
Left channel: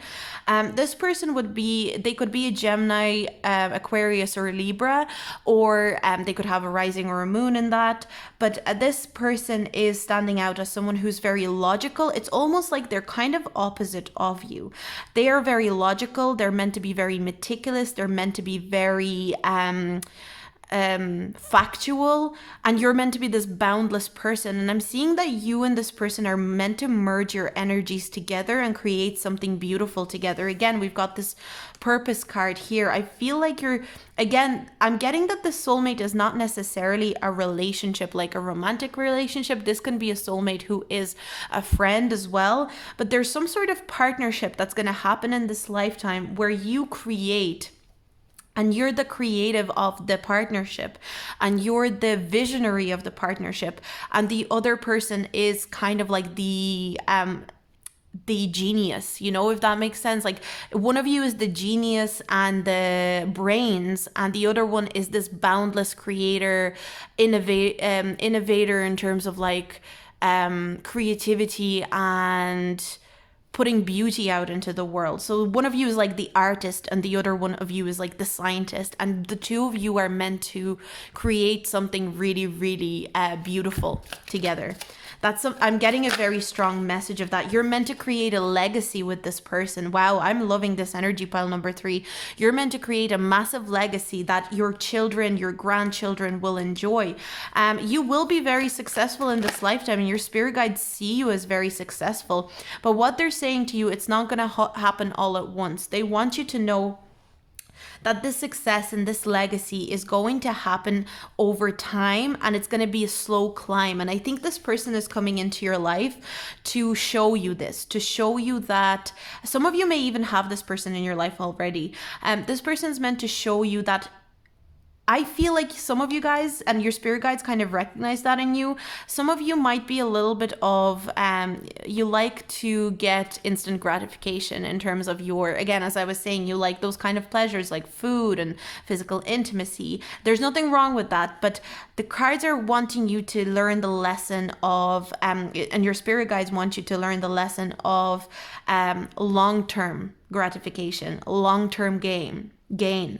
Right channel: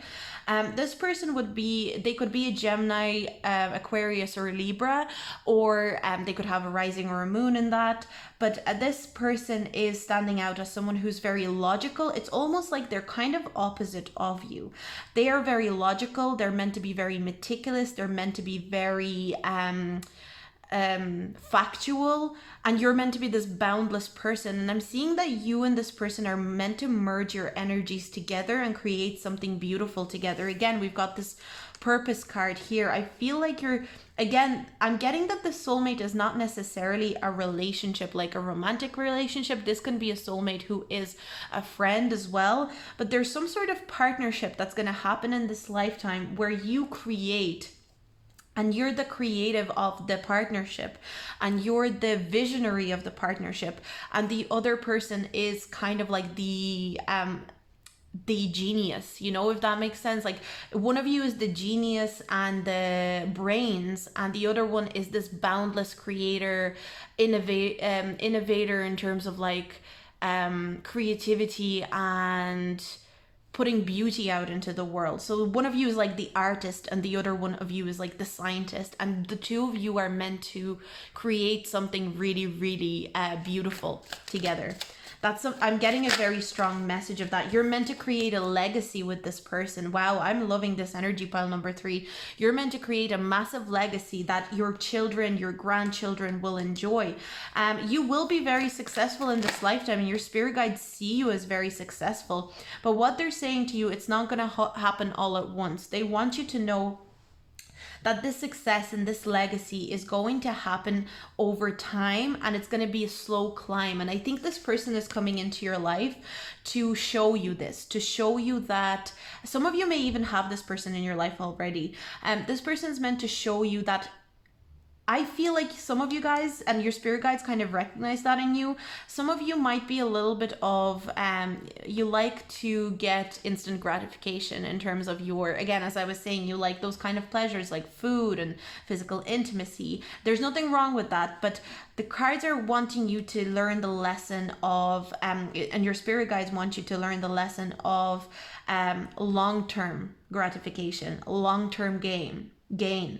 This person could be a Gemini, Aquarius, or Libra, or they could have a rising or a moon in that. But this person is standing out as someone who's very logical. It's almost like they're kind of opposite of you. They are very logical. They're meant to be very meticulous. They're meant to be very factual, and you're meant to be this boundless person. And I'm seeing that you and this person are meant to merge your energies together and create something beautiful together. Again, we've got this purpose card here. I feel like I'm getting that the soulmate is not necessarily a relationship, like a romantic relationship. This can be a soulmate who is a friend as well, but there's some sort of partnership that's going to happen in this lifetime where you create and you're the creative of the partnership, and you're the visionary of the partnership, and the other person is kind of like the genius, you know, if that makes sense. Like, one of you is the genius and the brains, and the other one is this boundless creator, innovator in terms of like creativity and putting beauty out into the world. So one of you is like the artist, and the other one of you is like the scientist, and the two of you are meant to create something really, really beautiful together. I'm getting a very strong message of that. You're meant to create a legacy with this person. Wow, I'm loving this energy, pile number 3. You're meant to create a massive legacy that your children, your grandchildren will enjoy. You will be very successful in this lifetime, and your spirit guides see you as very successful. But what they're saying to you, it's not going to happen all at once. They want you to know that this success and this legacy is going to happen over time, and it's going to be a slow climb. And I think this person is coming into your life to show you this, to show you that some of you may even have this person in your life already. This person is meant to show you that I feel like some of you guys and your spirit guides kind of recognize that in you. Some of you might be a little bit of, you like to get instant gratification in terms of your, again, as I was saying, you like those kind of pleasures like food and physical intimacy. There's nothing wrong with that, but the cards are wanting you to learn the lesson of, and your spirit guides want you to learn the lesson of long-term gratification, long-term gain.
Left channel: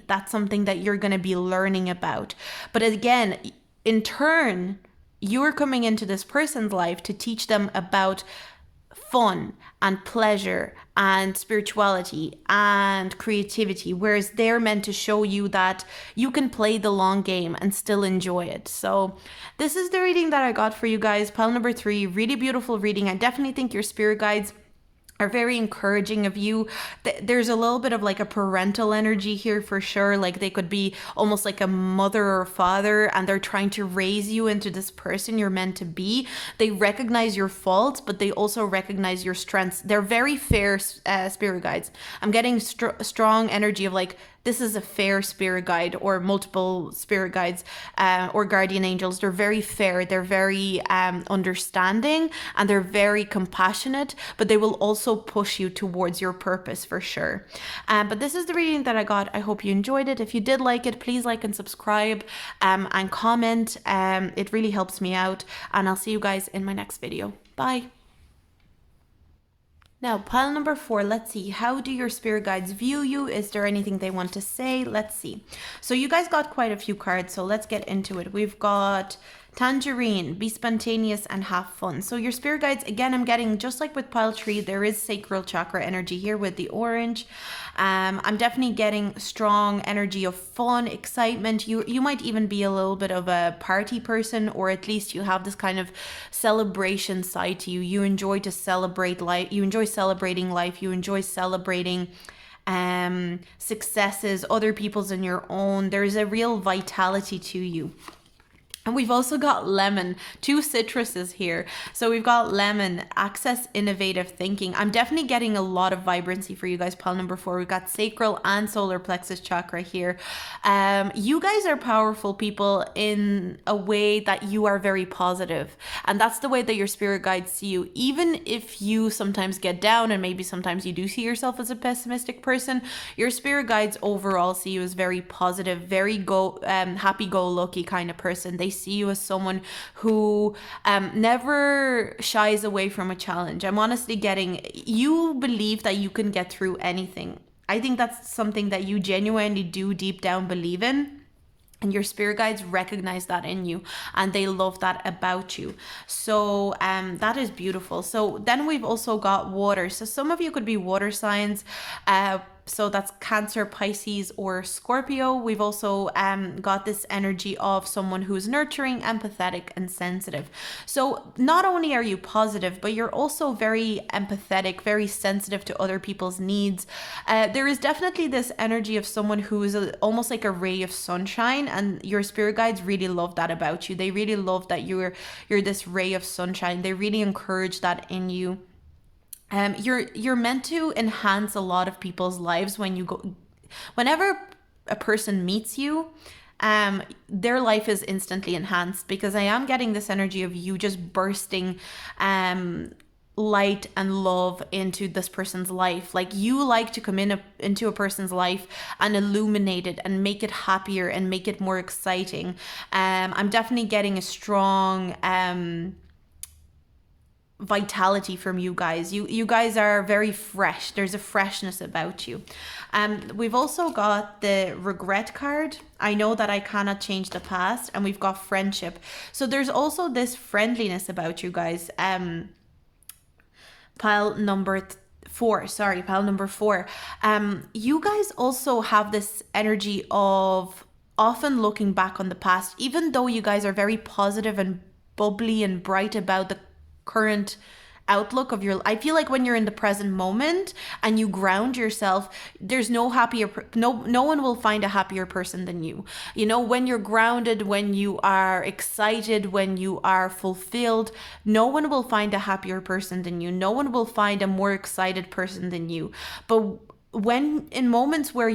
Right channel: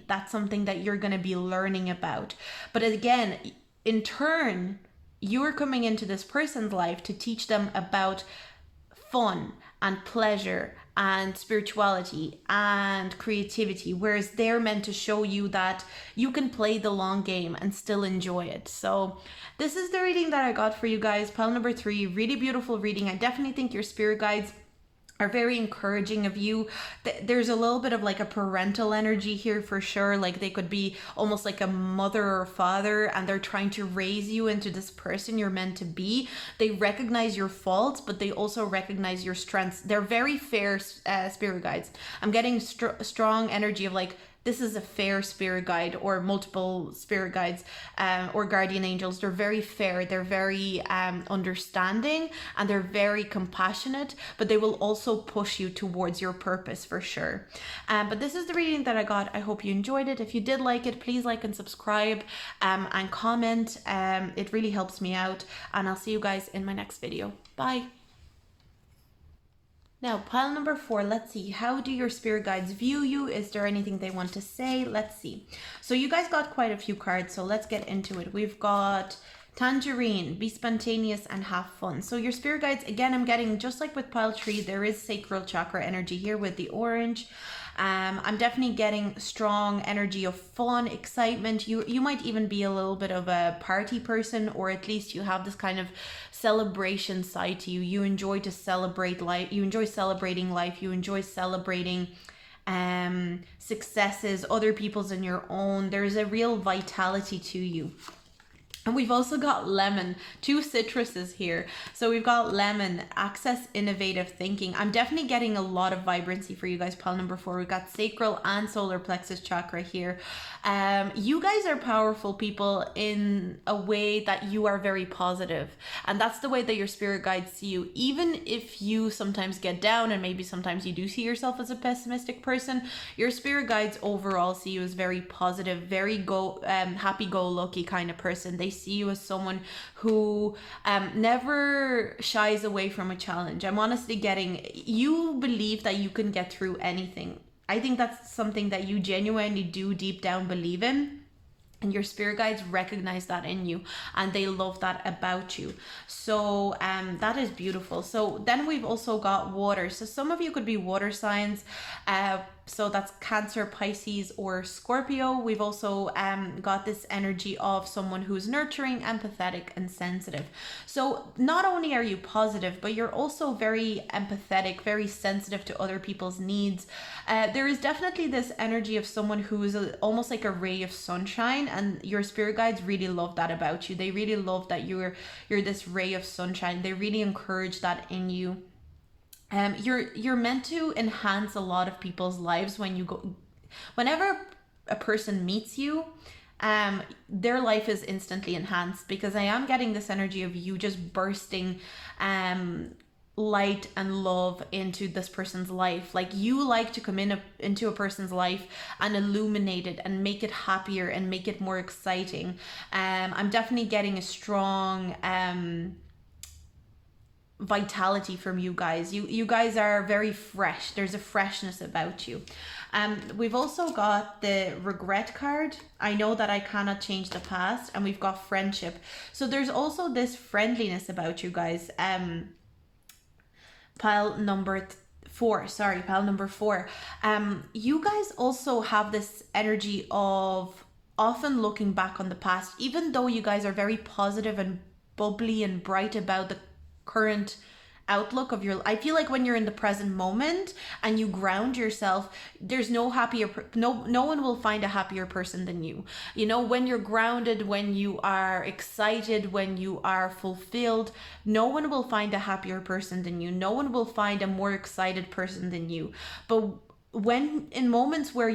That's something that you're going to be learning about. But again, in turn, you are coming into this person's life to teach them about fun and pleasure and spirituality and creativity, whereas they're meant to show you that you can play the long game and still enjoy it. So this is the reading that I got for you guys. Pile number 3, really beautiful reading. I definitely think your spirit guides are very encouraging of you. There's a little bit of like a parental energy here for sure. Like they could be almost like a mother or father, and they're trying to raise you into this person you're meant to be. They recognize your faults, but they also recognize your strengths. They're very fair spirit guides. I'm getting strong energy of like, this is a fair spirit guide, or multiple spirit guides or guardian angels. They're very fair. They're very understanding, and they're very compassionate, but they will also push you towards your purpose for sure. But this is the reading that I got. I hope you enjoyed it. If you did like it, please like and subscribe and comment. It really helps me out, and I'll see you guys in my next video. Bye. Now, pile number 4, let's see. How do your spirit guides view you? Is there anything they want to say? Let's see. So you guys got quite a few cards, so let's get into it. We've got Tangerine, be spontaneous and have fun. So your spirit guides, again, I'm getting, just like with pile 3, there is sacral chakra energy here with the orange. I'm definitely getting strong energy of fun, excitement. You might even be a little bit of a party person, or at least you have this kind of celebration side to you. You enjoy to celebrate life. You enjoy celebrating life. You enjoy celebrating successes, other people's and your own. There's a real vitality to you. And we've also got lemon, 2 citruses here. So we've got lemon, access innovative thinking. I'm definitely getting a lot of vibrancy for you guys. Pile number 4, we've got sacral and solar plexus chakra here. You guys are powerful people in a way that you are very positive. And that's the way that your spirit guides see you. Even if you sometimes get down, and maybe sometimes you do see yourself as a pessimistic person, your spirit guides overall see you as very positive, very happy-go-lucky kind of person. They see you as someone who never shies away from a challenge. I'm honestly getting, you believe that you can get through anything. I think that's something that you genuinely do deep down believe in. And your spirit guides recognize that in you, and they love that about you. So that is beautiful. So then we've also got water. So some of you could be water signs. So that's Cancer, Pisces, or Scorpio. We've also got this energy of someone who's nurturing, empathetic, and sensitive. So not only are you positive, but you're also very empathetic, very sensitive to other people's needs. There is definitely this energy of someone who is almost like a ray of sunshine, and your spirit guides really love that about you. They really love that you're this ray of sunshine. They really encourage that in you. You're meant to enhance a lot of people's lives whenever a person meets you, their life is instantly enhanced, because I am getting this energy of you just bursting light and love into this person's life. Like, you like to come into a person's life and illuminate it and make it happier and make it more exciting. I'm definitely getting a strong vitality from you guys. You guys are very fresh. There's a freshness about you. We've also got the regret card. I know that I cannot change the past, and we've got friendship. So there's also this friendliness about you guys. Pile number 4, sorry, pile number 4. You guys also have this energy of often looking back on the past, even though you guys are very positive and bubbly and bright about the current outlook of your. I feel like when you're in the present moment and you ground yourself, there's no happier no one will find a happier person than you. You know, when you're grounded, when you are excited, when you are fulfilled, no one will find a happier person than you. No one will find a more excited person than you. But when in moments where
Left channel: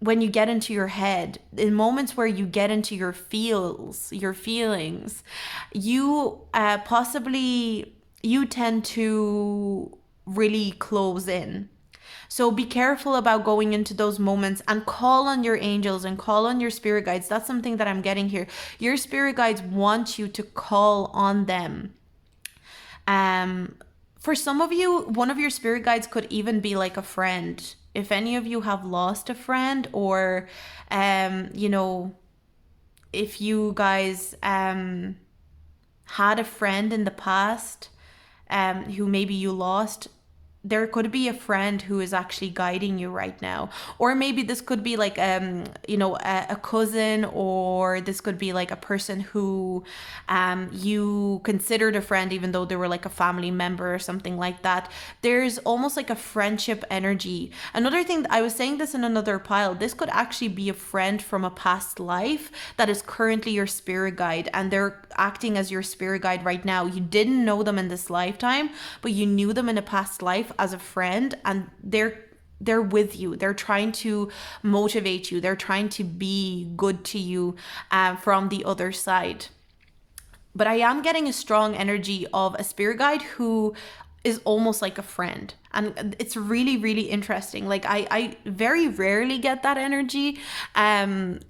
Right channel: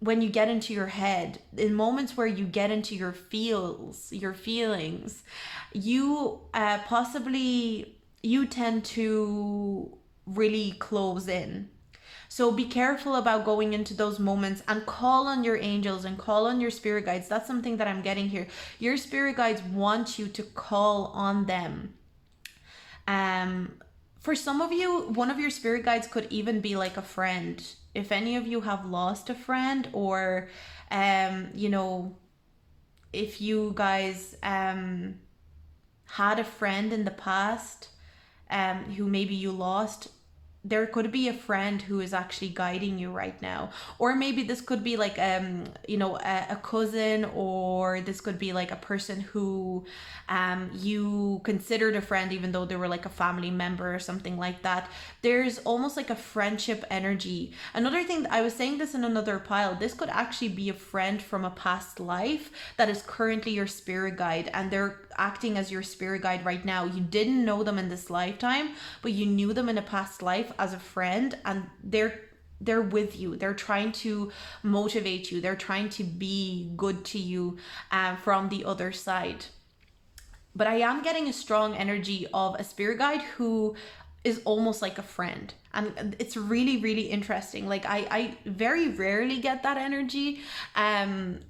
when you get into your head, in moments where you get into your feelings, you possibly you tend to really close in. So be careful about going into those moments, and call on your angels and call on your spirit guides. That's something that I'm getting here. Your spirit guides want you to call on them. For some of you, one of your spirit guides could even be like a friend. If any of you have lost a friend, or you know, if you guys had a friend in the past who maybe you lost, there could be a friend who is actually guiding you right now. Or maybe this could be like a cousin, or this could be like a person who you considered a friend even though they were like a family member or something like that. There's almost like a friendship energy. Another thing, I was saying this in another pile, this could actually be a friend from a past life that is currently your spirit guide, and they're acting as your spirit guide right now. You didn't know them in this lifetime, but you knew them in a past life as a friend, and they're with you. They're trying to motivate you. They're trying to be good to you from the other side. But I am getting a strong energy of a spirit guide who is almost like a friend. And it's really, really interesting. Like I very rarely get that energy,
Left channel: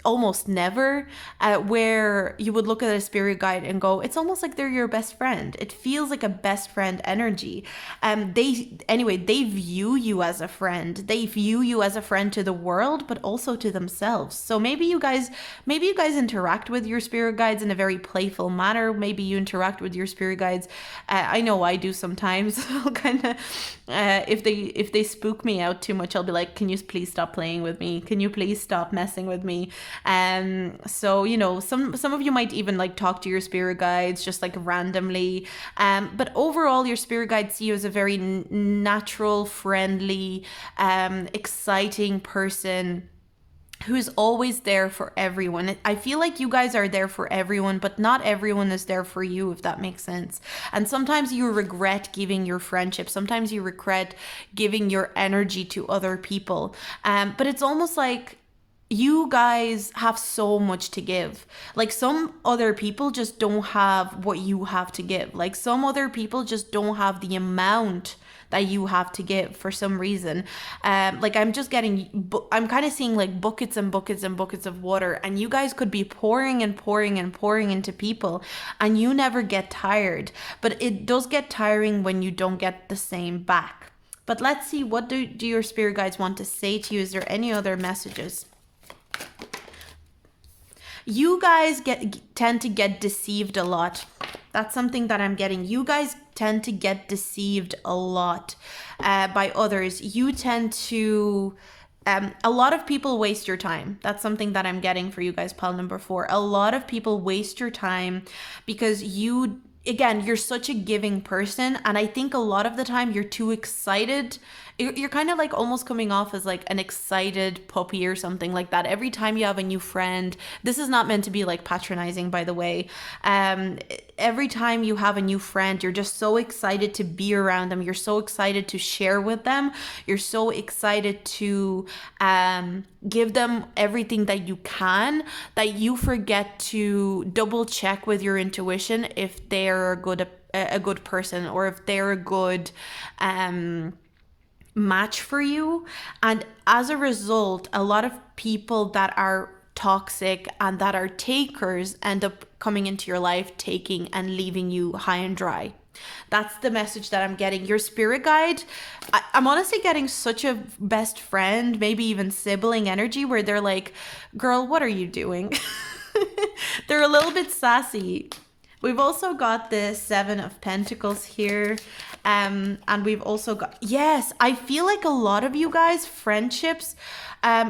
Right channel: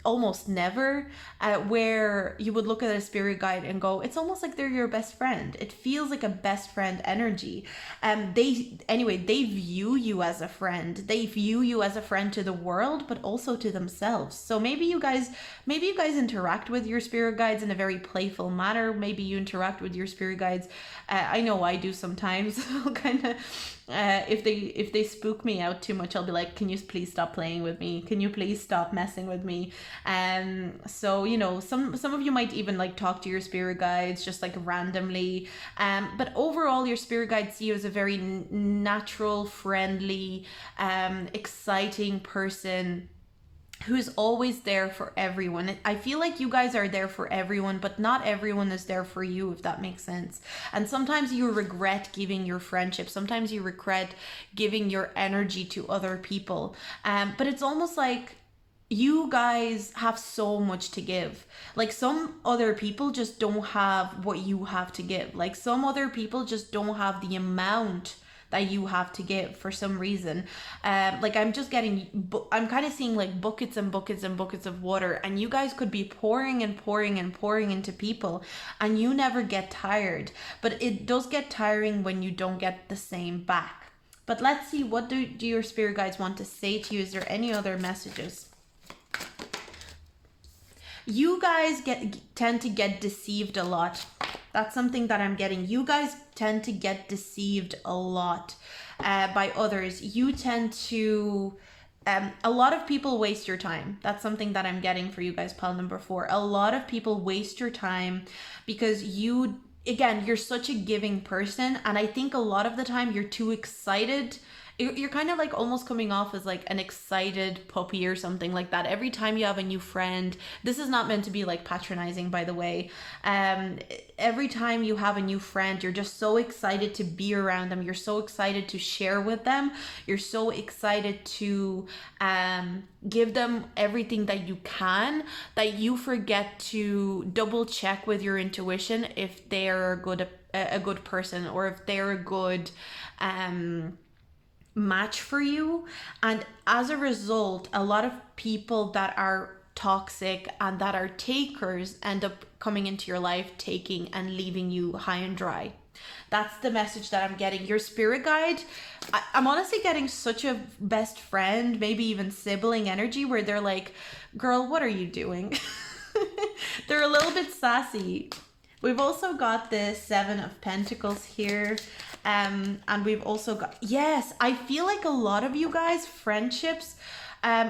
almost never, where you would look at a spirit guide and go, it's almost like they're your best friend. It feels like a best friend energy. They view you as a friend. They view you as a friend to the world, but also to themselves. So maybe you guys interact with your spirit guides in a very playful manner. Maybe you interact with your spirit guides. I know I do sometimes. kind of. If they spook me out too much, I'll be like, can you please stop playing with me? Can you please stop messing with me? So you know, some of you might even like talk to your spirit guides just like randomly. But overall, your spirit guides see you as a very natural, friendly, exciting person who's always there for everyone. I feel like you guys are there for everyone, but not everyone is there for you, if that makes sense. And sometimes you regret giving your friendship. Sometimes you regret giving your energy to other people. But it's almost like you guys have so much to give. Like, some other people just don't have what you have to give. Like, some other people just don't have the amount that you have to give for some reason. Like, I'm kind of seeing like buckets and buckets and buckets of water, and you guys could be pouring and pouring and pouring into people, and you never get tired. But it does get tiring when you don't get the same back. But let's see, what do your spirit guides want to say to you? Is there any other messages? You guys tend to get deceived a lot. That's something that I'm getting. You guys tend to get deceived a lot by others. You tend to... a lot of people waste your time. That's something that I'm getting for you guys, pile number 4. A lot of people waste your time because you're such a giving person. And I think a lot of the time you're too excited you're kind of like almost coming off as like an excited puppy or something like that. Every time you have a new friend, this is not meant to be like patronizing, by the way. Um, every time you have a new friend, you're just so excited to be around them. You're so excited to share with them. You're so excited to give them everything that you can, that you forget to double check with your intuition if they're a good person, or if they're a good match for you. And as a result, a lot of people that are toxic and that are takers end up coming into your life, taking and leaving you high and dry. That's the message that I'm getting. Your spirit guide, I'm honestly getting such a best friend, maybe even sibling energy, where they're like, girl, what are you doing? They're a little bit sassy. We've also got the Seven of Pentacles here. And we've also got, yes, I feel like a lot of you guys, friendships,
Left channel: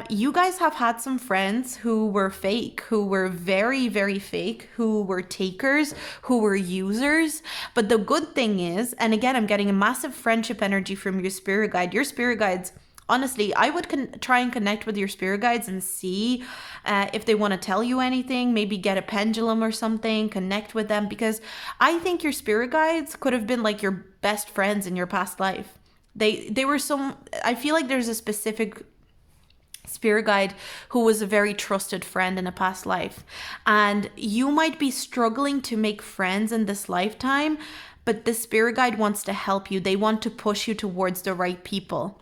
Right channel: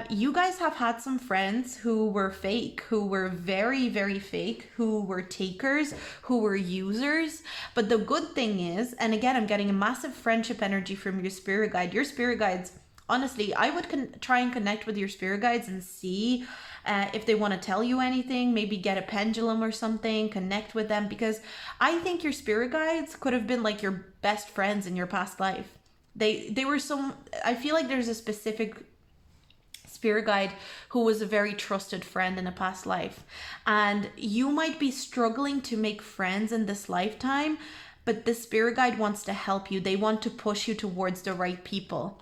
you guys have had some friends who were fake, who were very, very fake, who were takers, who were users. But the good thing is, and again, I'm getting a massive friendship energy from your spirit guide. Your spirit guides, honestly, I would try and connect with your spirit guides and see if they want to tell you anything, maybe get a pendulum or something, connect with them, because I think your spirit guides could have been like your best friends in your past life. They were so, I feel like there's a specific spirit guide who was a very trusted friend in a past life, and you might be struggling to make friends in this lifetime, but the spirit guide wants to help you. They want to push you towards the right people.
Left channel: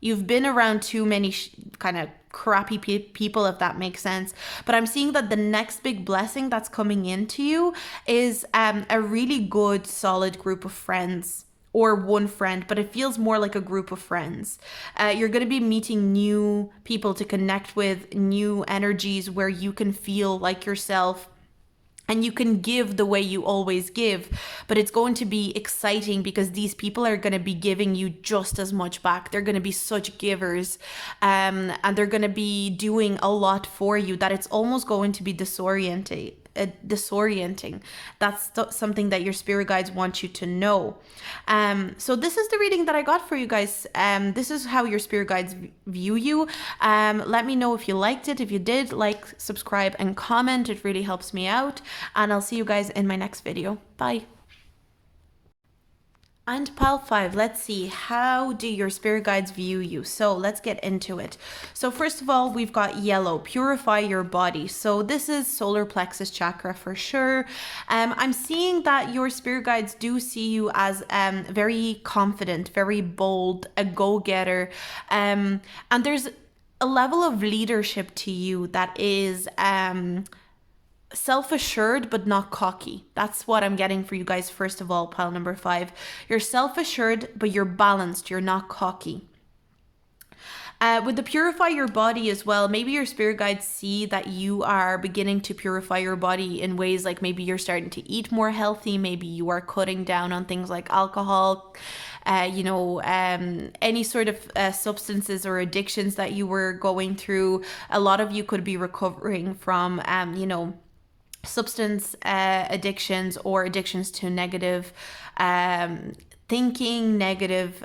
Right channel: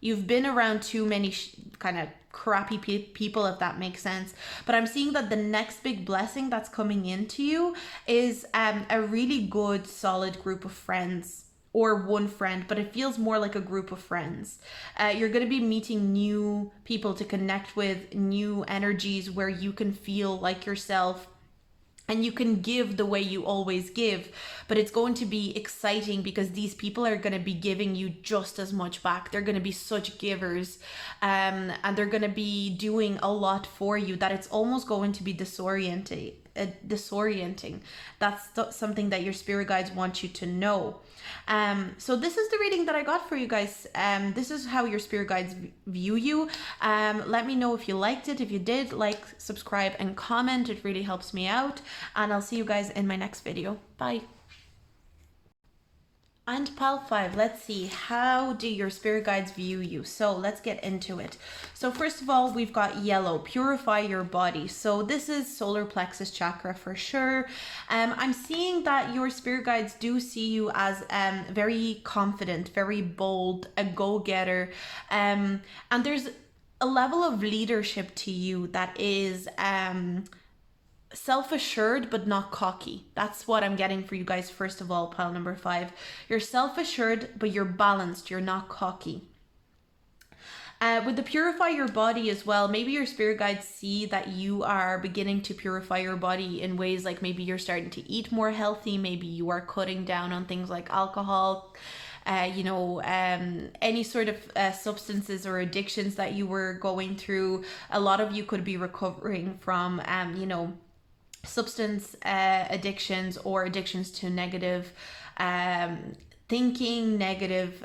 You've been around too many kind of crappy people, if that makes sense. But I'm seeing that the next big blessing that's coming into you is a really good, solid group of friends, or one friend, but it feels more like a group of friends. You're going to be meeting new people to connect with, new energies where you can feel like yourself. And you can give the way you always give, but it's going to be exciting because these people are going to be giving you just as much back. They're going to be such givers, and they're going to be doing a lot for you that it's almost going to be disorienting. That's something that your spirit guides want you to know. So this is the reading that I got for you guys. This is how your spirit guides view you. Let me know if you liked it. If you did, like, subscribe, and comment. It really helps me out. And I'll see you guys in my next video. Bye. And pile 5, let's see, how do your spirit guides view you? So let's get into it. So first of all, we've got yellow, purify your body. So this is solar plexus chakra for sure. I'm seeing that your spirit guides do see you as very confident, very bold, a go-getter. And there's a level of leadership to you that is self-assured but not cocky. That's what I'm getting for you guys. First of all, pile number 5, you're self-assured but you're balanced, you're not cocky. With the purify your body as well, maybe your spirit guides see that you are beginning to purify your body in ways like maybe you're starting to eat more healthy, maybe you are cutting down on things like alcohol, any sort of substances or addictions that you were going through. A lot of you could be recovering from substance addictions, or addictions to negative thinking, negative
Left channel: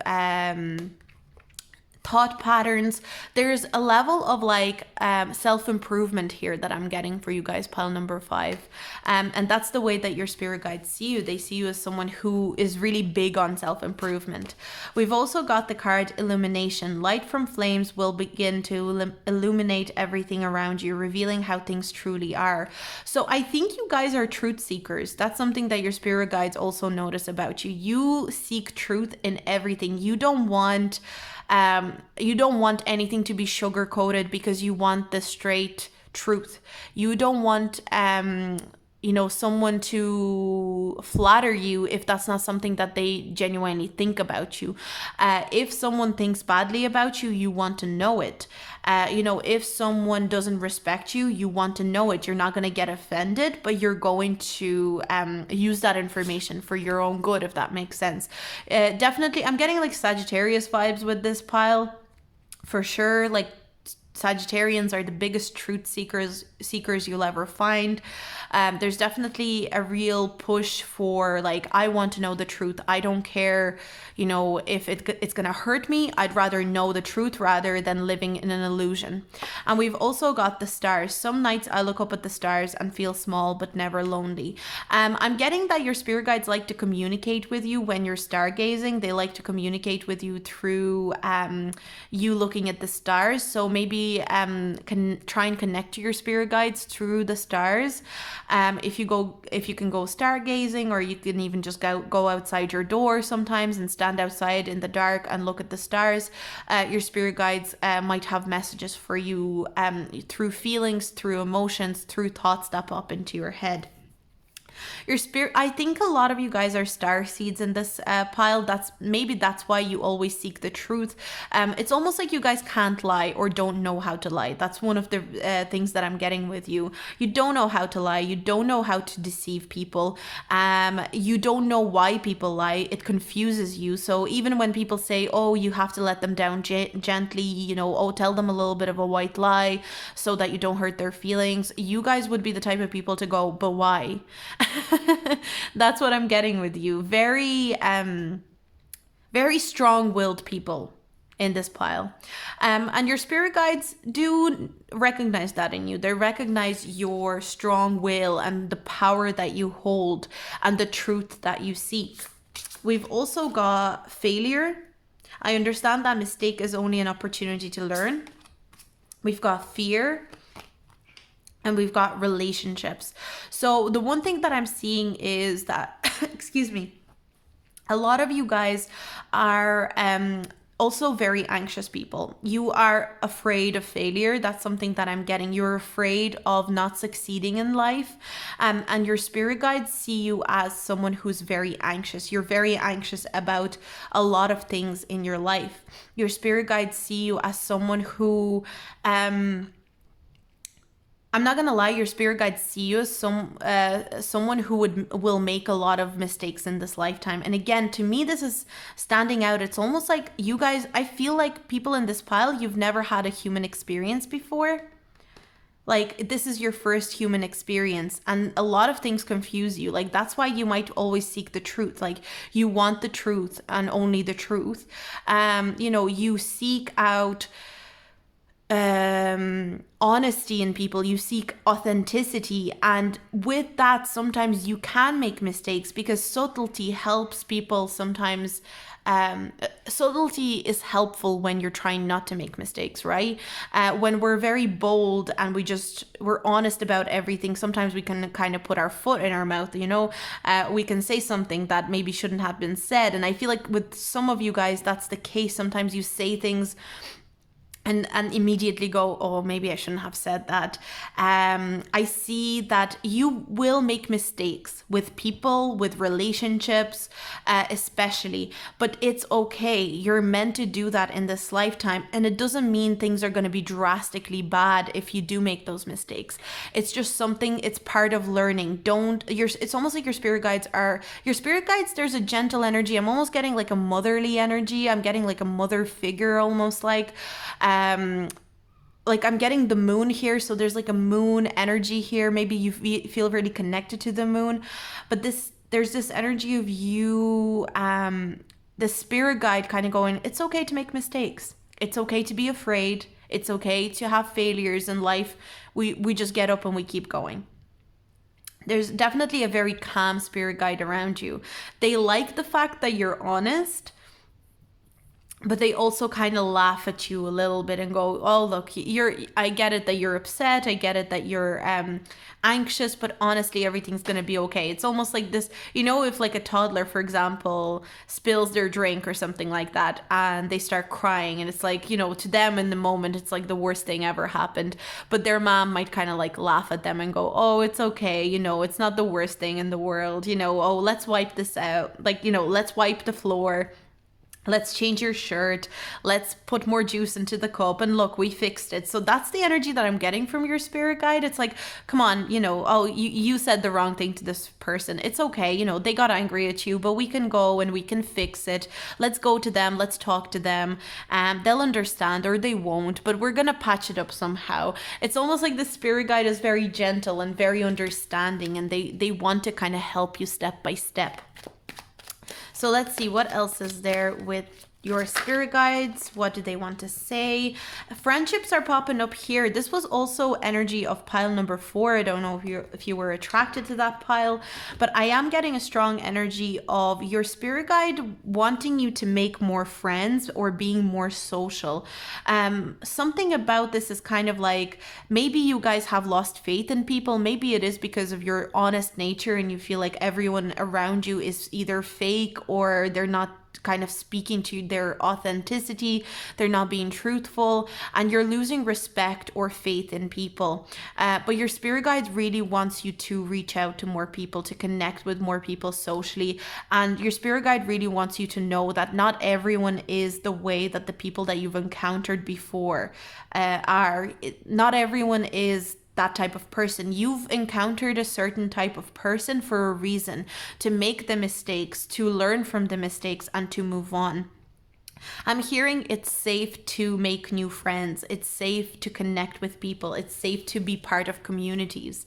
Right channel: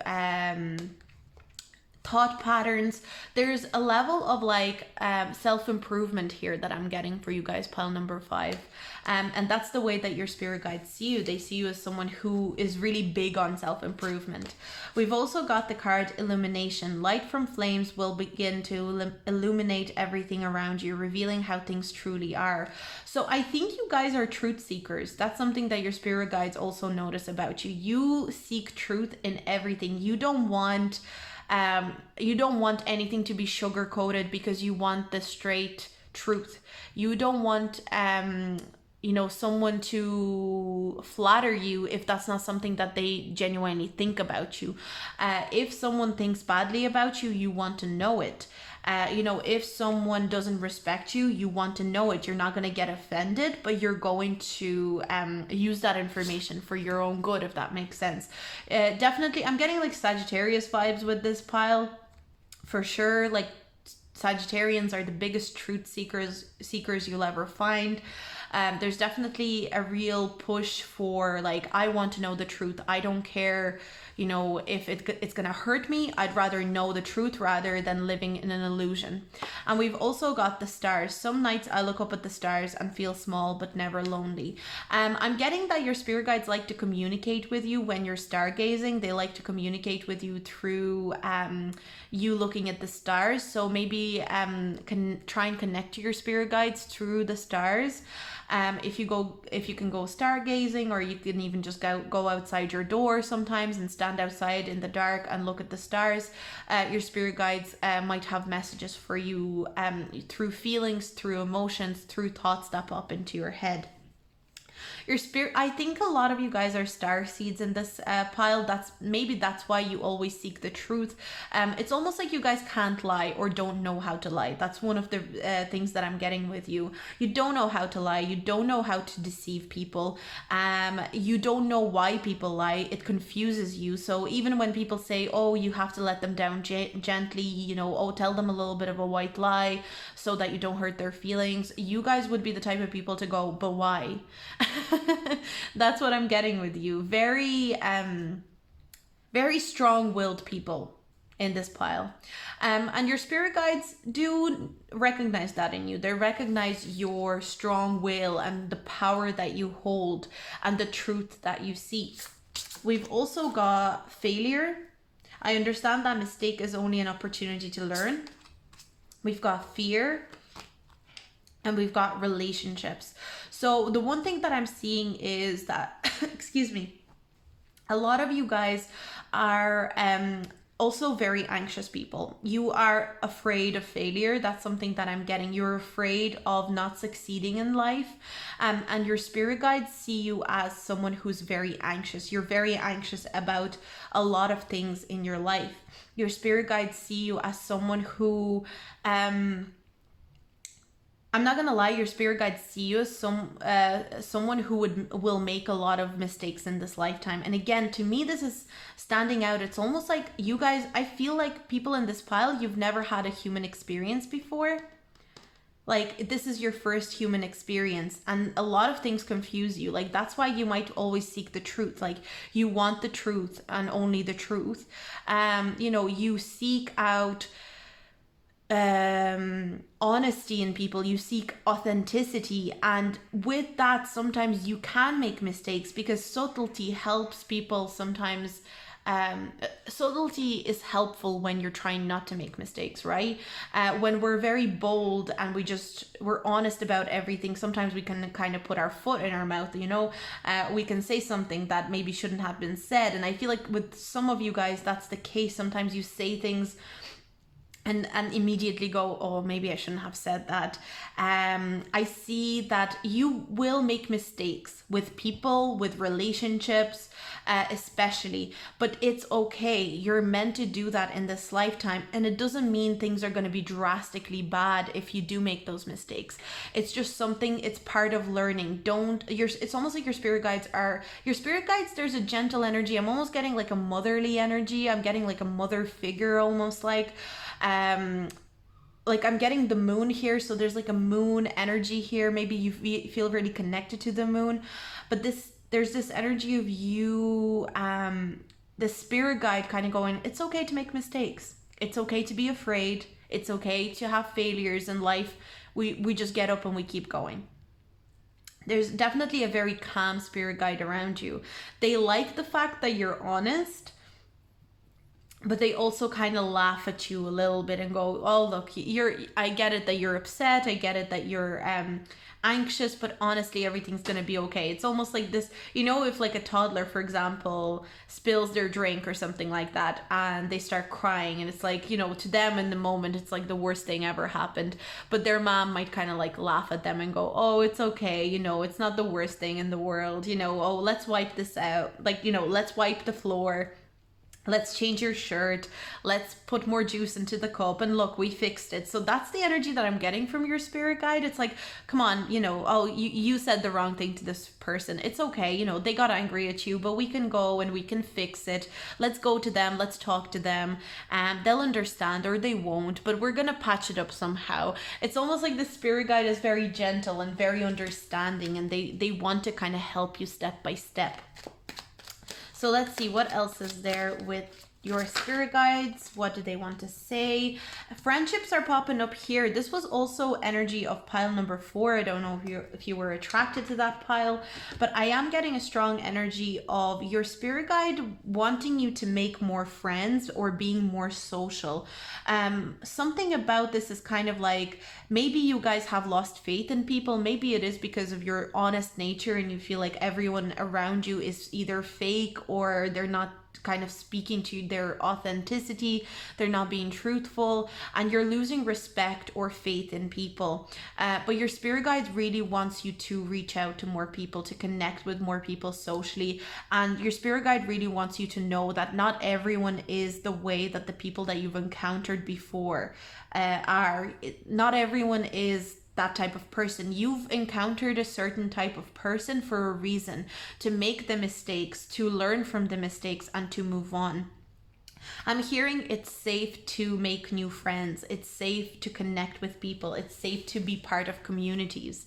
thought patterns. There's a level of like self-improvement here that I'm getting for you guys, pile number 5, and that's the way that your spirit guides see you. They see you as someone who is really big on self-improvement. We've also got the card illumination. Light from flames will begin to illuminate everything around you, revealing how things truly are. So I think you guys are truth seekers. That's something that your spirit guides also notice about you. You seek truth in everything. You don't want anything to be sugar coated, because you want the straight truth. You don't want someone to flatter you if that's not something that they genuinely think about you. If someone thinks badly about you, you want to know it. If someone doesn't respect you, you want to know it. You're not going to get offended, but you're going to use that information for your own good, if that makes sense. Definitely, I'm getting like Sagittarius vibes with this pile, for sure. Like, Sagittarians are the biggest truth seekers you'll ever find. There's definitely a real push for like, I want to know the truth. I don't care, you know, if it's gonna hurt me. I'd rather know the truth rather than living in an illusion. And we've also got the stars. Some nights I look up at the stars and feel small but never lonely. I'm getting that your spirit guides like to communicate with you when you're stargazing. They like to communicate with you through you looking at the stars. So maybe can try and connect to your spirit guides through the stars. If you can go stargazing, or you can even just go outside your door sometimes and stand outside in the dark and look at the stars. Your spirit guides might have messages for you through feelings, through emotions, through thoughts that pop into your head. Your spirit, I think a lot of you guys are star seeds in this pile. That's why you always seek the truth. It's almost like you guys can't lie or don't know how to lie. That's one of the things that I'm getting with you. You don't know how to lie. You don't know how to deceive people. You don't know why people lie. It confuses you. So even when people say, oh, you have to let them down gently, you know, oh, tell them a little bit of a white lie so that you don't hurt their feelings, you guys would be the type of people to go, but why? That's what I'm getting with you. Very strong-willed people in this pile. And your spirit guides do recognize that in you. They recognize your strong will and the power that you hold and the truth that you seek. We've also got failure. I understand that mistake is only an opportunity to learn. We've got fear. And we've got relationships. So the one thing that I'm seeing is that, excuse me, a lot of you guys are also very anxious people. You are afraid of failure. That's something that I'm getting. You're afraid of not succeeding in life. And your spirit guides see you as someone who's very anxious. You're very anxious about a lot of things in your life. Your spirit guides see you as someone who... I'm not gonna lie, your spirit guides see you as someone who will make a lot of mistakes in this lifetime. And again, to me, this is standing out. It's almost like you guys, I feel like people in this pile, you've never had a human experience before. Like, this is your first human experience, and a lot of things confuse you. Like, that's why you might always seek the truth. Like, you want the truth and only the truth. You know, you seek out honesty in people. You seek authenticity, and with that sometimes you can make mistakes because subtlety helps people sometimes. Subtlety is helpful when you're trying not to make mistakes, right? When we're very bold and we're honest about everything, sometimes we can kind of put our foot in our mouth, you know. We can say something that maybe shouldn't have been said, and I feel like with some of you guys that's the case. Sometimes you say things and immediately go, oh, maybe I shouldn't have said that. I see that you will make mistakes with people, with relationships, especially, but it's okay. You're meant to do that in this lifetime, and it doesn't mean things are going to be drastically bad if you do make those mistakes. It's just something, it's part of learning. It's almost like your spirit guides, there's a gentle energy. I'm almost getting like a motherly energy. I'm getting like a mother figure, almost like I'm getting the moon here, so there's like a moon energy here. Maybe you feel really connected to the moon, but there's this energy of you, the spirit guide kind of going, it's okay to make mistakes. It's okay to be afraid. It's okay to have failures in life. We just get up and we keep going. There's definitely a very calm spirit guide around you. They like the fact that you're honest, but they also kind of laugh at you a little bit and go, oh, look, I get it that you're upset. I get it that you're anxious, but honestly, everything's going to be okay. It's almost like this, you know, if like a toddler, for example, spills their drink or something like that, and they start crying, and it's like, you know, to them in the moment, it's like the worst thing ever happened. But their mom might kind of like laugh at them and go, oh, it's okay. You know, it's not the worst thing in the world. You know, oh, let's wipe this out. Like, you know, let's wipe the floor. Let's change your shirt. Let's put more juice into the cup. And look, we fixed it. So that's the energy that I'm getting from your spirit guide. It's like, come on, oh, you said the wrong thing to this person. It's okay. They got angry at you, but we can go and we can fix it. Let's go to them. Let's talk to them. They'll understand or they won't, but we're going to patch it up somehow. It's almost like the spirit guide is very gentle and very understanding, and they want to kind of help you step by step. So let's see what else is there with your spirit guides. What do they want to say? Friendships are popping up here. This was also energy of pile number 4. I don't know if you were attracted to that pile, but I am getting a strong energy of your spirit guide wanting you to make more friends or being more social. Something about this is kind of like, maybe you guys have lost faith in people. Maybe it is because of your honest nature and you feel like everyone around you is either fake or they're not kind of speaking to their authenticity, they're not being truthful, and you're losing respect or faith in people. But your spirit guide really wants you to reach out to more people, to connect with more people socially, and your spirit guide really wants you to know that not everyone is the way that the people that you've encountered before are. Not everyone is that type of person. You've encountered a certain type of person for a reason, to make the mistakes, to learn from the mistakes, and to move on. I'm hearing it's safe to make new friends. It's safe to connect with people. It's safe to be part of communities.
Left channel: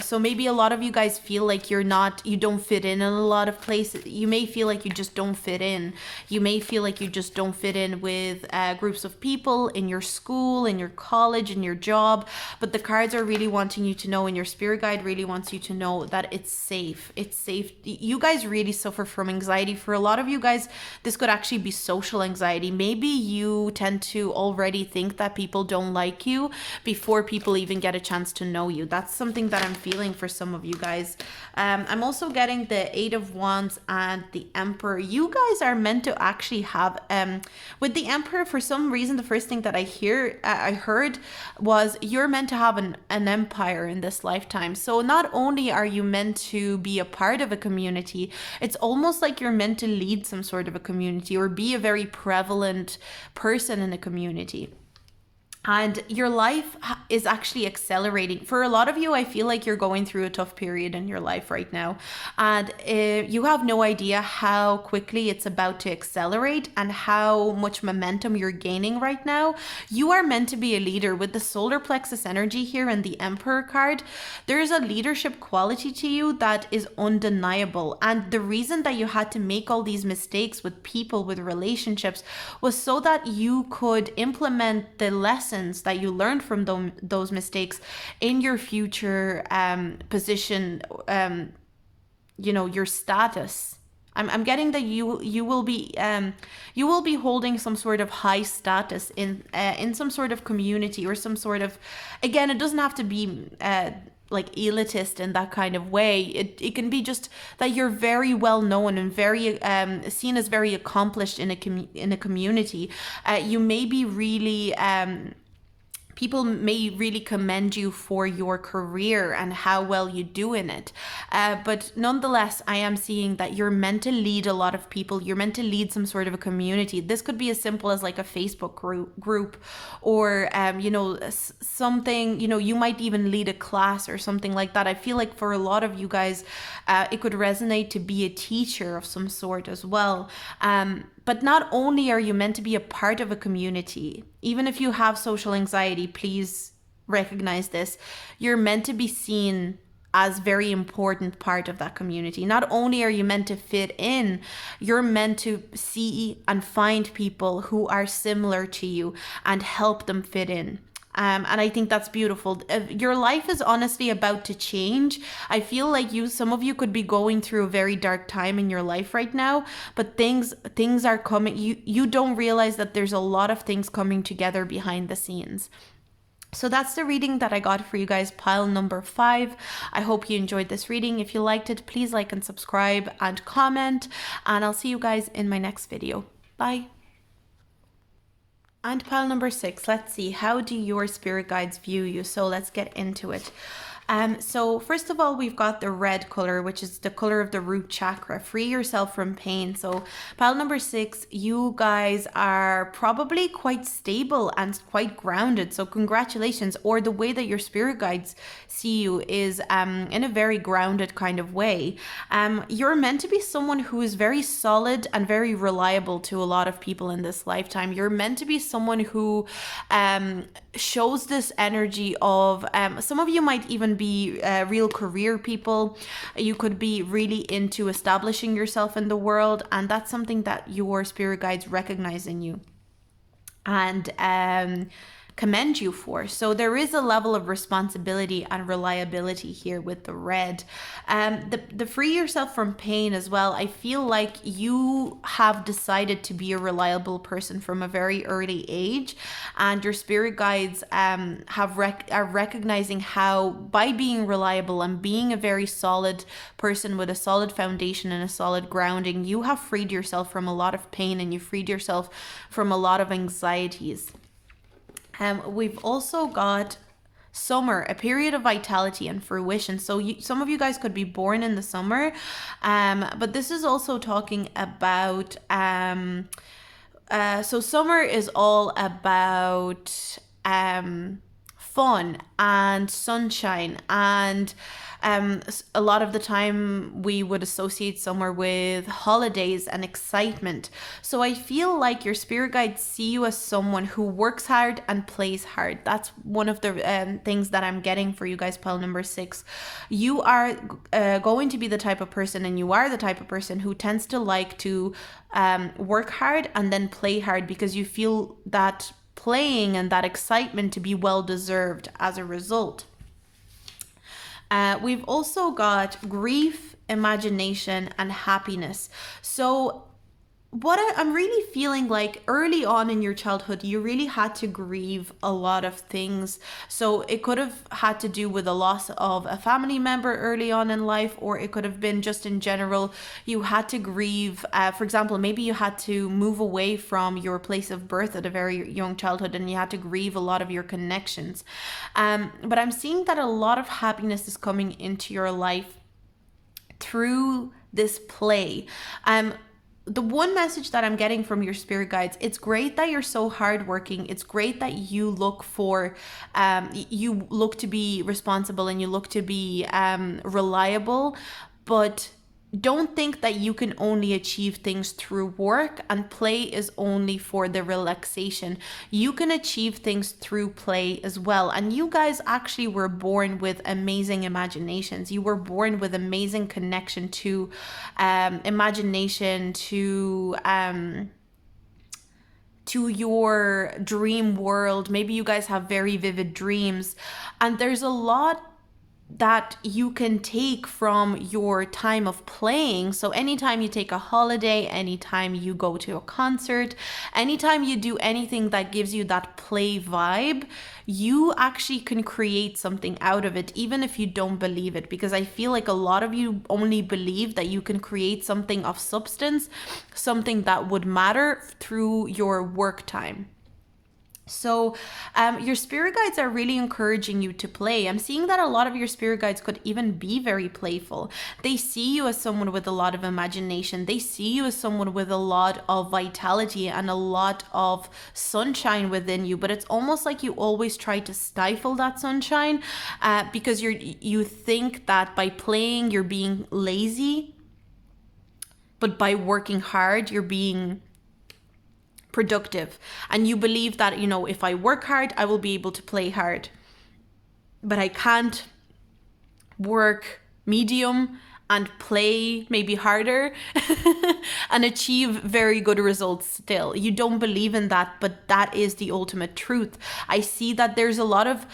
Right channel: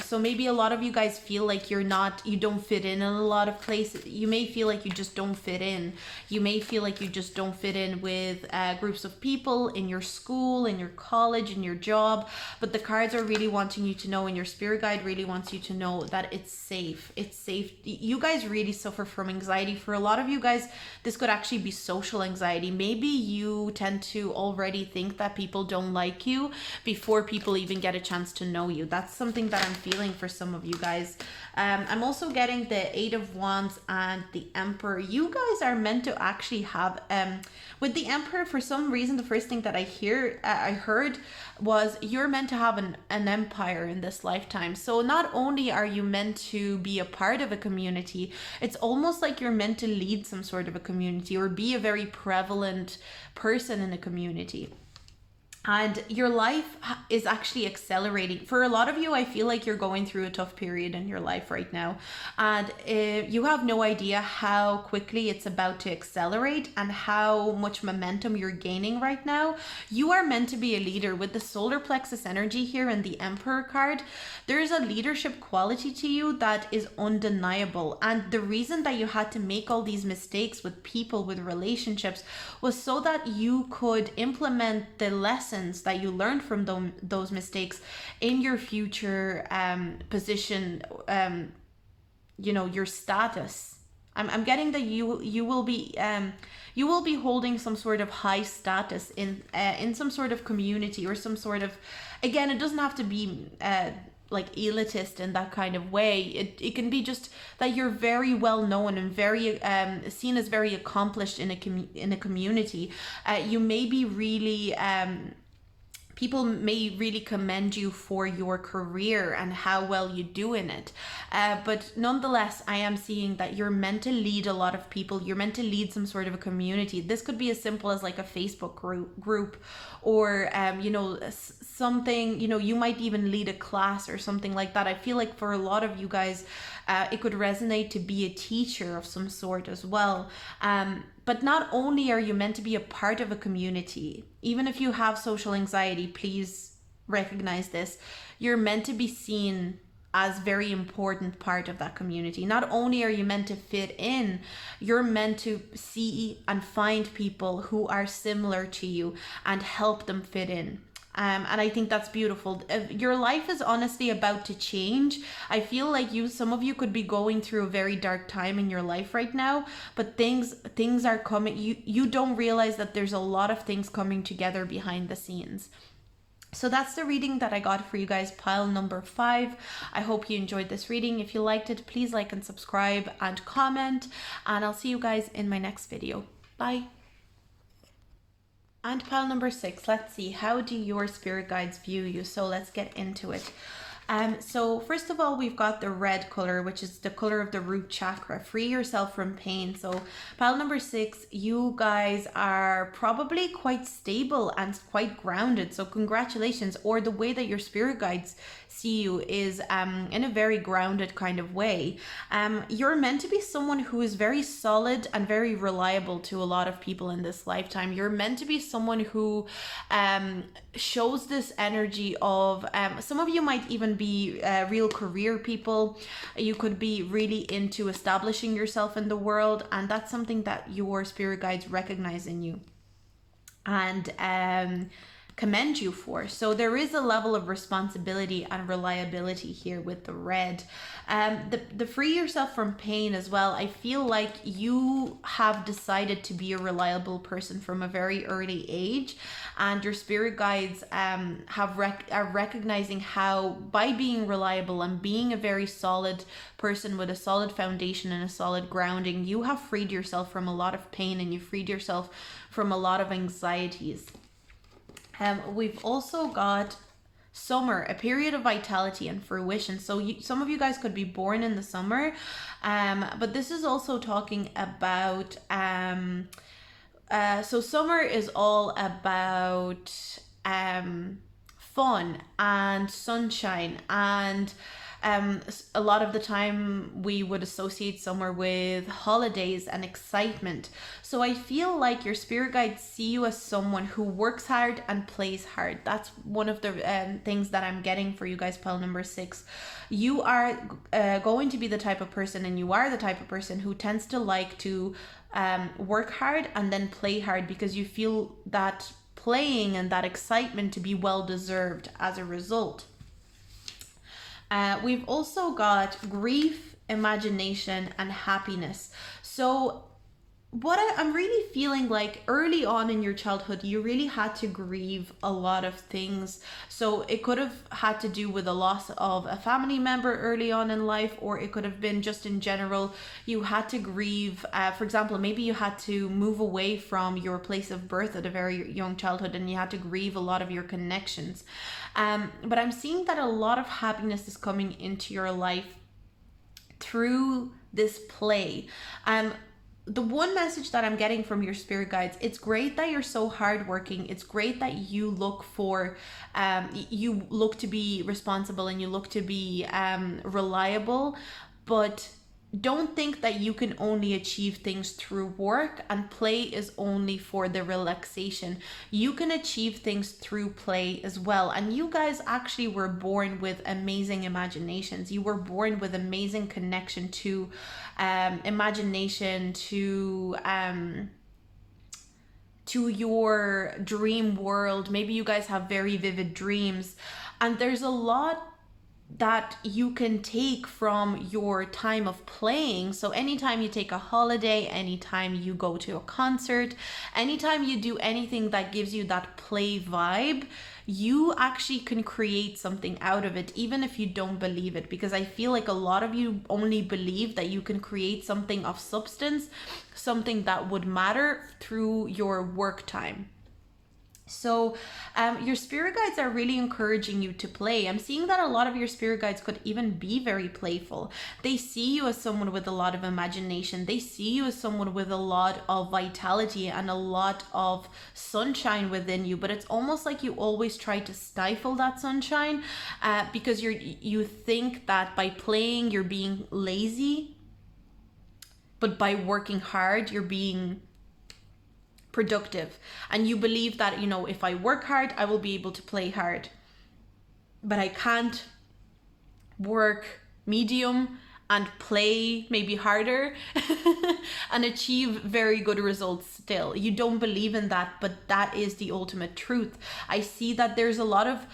So maybe a lot of you guys feel like you don't fit in a lot of places. You may feel like you just don't fit in. You may feel like you just don't fit in with groups of people in your school, in your college, in your job. But the cards are really wanting you to know, and your spirit guide really wants you to know that it's safe. It's safe. You guys really suffer from anxiety. For a lot of you guys, this could actually be social anxiety. Maybe you tend to already think that people don't like you before people even get a chance to know you. That's something that I'm feeling for some of you guys. I'm also getting the 8 of Wands and the Emperor. You guys are meant to actually have, with the Emperor, for some reason, the first thing that I heard was you're meant to have an empire in this lifetime. So not only are you meant to be a part of a community, it's almost like you're meant to lead some sort of a community or be a very prevalent person in a community. And your life is actually accelerating. For a lot of you, I feel like you're going through a tough period in your life right now. And you have no idea how quickly it's about to accelerate and how much momentum you're gaining right now. You are meant to be a leader. With the solar plexus energy here and the Emperor card, there's a leadership quality to you that is undeniable. And the reason that you had to make all these mistakes with people, with relationships, was so that you could implement the lessons that you learned from those mistakes in your future position, your status. I'm getting that you will be holding some sort of high status in some sort of community or some sort of, again, it doesn't have to be like elitist in that kind of way. It can be just that you're very well known and very seen as very accomplished in a community. You may be really people may really commend you for your career and how well you do in it. But nonetheless, I am seeing that you're meant to lead a lot of people. You're meant to lead some sort of a community. This could be as simple as like a Facebook group or, something, you might even lead a class or something like that. I feel like for a lot of you guys, it could resonate to be a teacher of some sort as well. But not only are you meant to be a part of a community, even if you have social anxiety, please recognize this. You're meant to be seen as very important part of that community. Not only are you meant to fit in, you're meant to see and find people who are similar to you and help them fit in. And I think that's beautiful. Your life is honestly about to change. I feel like some of you could be going through a very dark time in your life right now, but things are coming. You don't realize that there's a lot of things coming together behind the scenes. So that's the reading that I got for you guys, pile number 5. I hope you enjoyed this reading. If you liked it, please like and subscribe and comment, and I'll see you guys in my next video. Bye. And pile number 6, let's see, how do your spirit guides view you? So let's get into it. So first of all, we've got the red color, which is the color of the root chakra. Free yourself from pain. So pile number 6, you guys are probably quite stable and quite grounded. So congratulations. Or the way that your spirit guides see you is in a very grounded kind of way. You're meant to be someone who is very solid and very reliable to a lot of people in this lifetime. You're meant to be someone who shows this energy of some of you might even be real career people. You could be really into establishing yourself in the world, and that's something that your spirit guides recognize in you and commend you for. So there is a level of responsibility and reliability here with the red. The free yourself from pain as well. I feel like you have decided to be a reliable person from a very early age, and your spirit guides are recognizing how by being reliable and being a very solid person with a solid foundation and a solid grounding, you have freed yourself from a lot of pain and you freed yourself from a lot of anxieties. We've also got summer, a period of vitality and fruition. So some of you guys could be born in the summer, but this is also talking about so summer is all about fun and sunshine, and a lot of the time we would associate summer with holidays and excitement. So I feel like your spirit guides see you as someone who works hard and plays hard. That's one of the things that I'm getting for you guys, pile number 6. You are going to be the type of person, and you are the type of person who tends to like to work hard and then play hard, because you feel that playing and that excitement to be well deserved as a result. We've also got grief, imagination, and happiness. So what I'm really feeling like early on in your childhood, you really had to grieve a lot of things. So it could have had to do with the loss of a family member early on in life, or it could have been just in general, you had to grieve. For example, maybe you had to move away from your place of birth at a very young childhood, and you had to grieve a lot of your connections. But I'm seeing that a lot of happiness is coming into your life through this play. The one message that I'm getting from your spirit guides, it's great that you're so hardworking. It's great that you look to be responsible, and you look to be reliable, but don't think that you can only achieve things through work and play is only for the relaxation. You can achieve things through play as well. And you guys actually were born with amazing imaginations. You were born with amazing connection to imagination, to your dream world. Maybe you guys have very vivid dreams, and there's a lot that you can take from your time of playing. So anytime you take a holiday, anytime you go to a concert, anytime you do anything that gives you that play vibe, you actually can create something out of it, even if you don't believe it. Because I feel like a lot of you only believe that you can create something of substance, something that would matter through your work time. So your spirit guides are really encouraging you to play. I'm seeing that a lot of your spirit guides could even be very playful. They see you as someone with a lot of imagination. They see you as someone with a lot of vitality and a lot of sunshine within you. But it's almost like you always try to stifle that sunshine because you think that by playing you're being lazy, but by working hard you're being productive. And you believe that, if I work hard, I will be able to play hard. But I can't work medium and play maybe harder and achieve very good results still. You don't believe in that, but that is the ultimate truth. I see that there's a lot of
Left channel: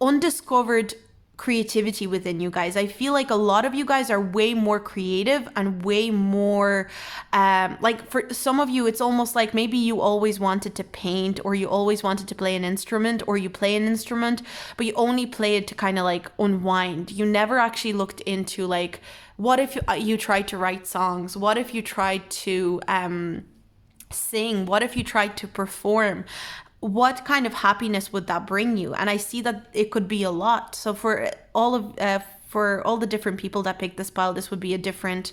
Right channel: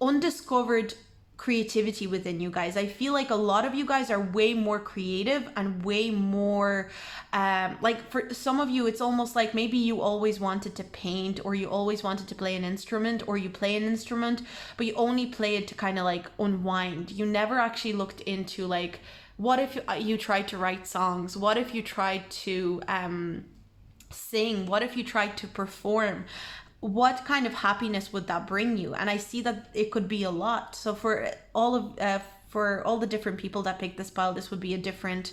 undiscovered creativity within you guys. I feel like a lot of you guys are way more creative and way more like for some of you it's almost like maybe you always wanted to paint, or you always wanted to play an instrument, or you play an instrument but you only play it to kind of like unwind. You never actually looked into like, what if you tried to write songs? What if you tried to sing? What if you tried to perform? what kind of happiness would that bring you? And I see that it could be a lot. So for all the different people that pick this pile, this would be a different,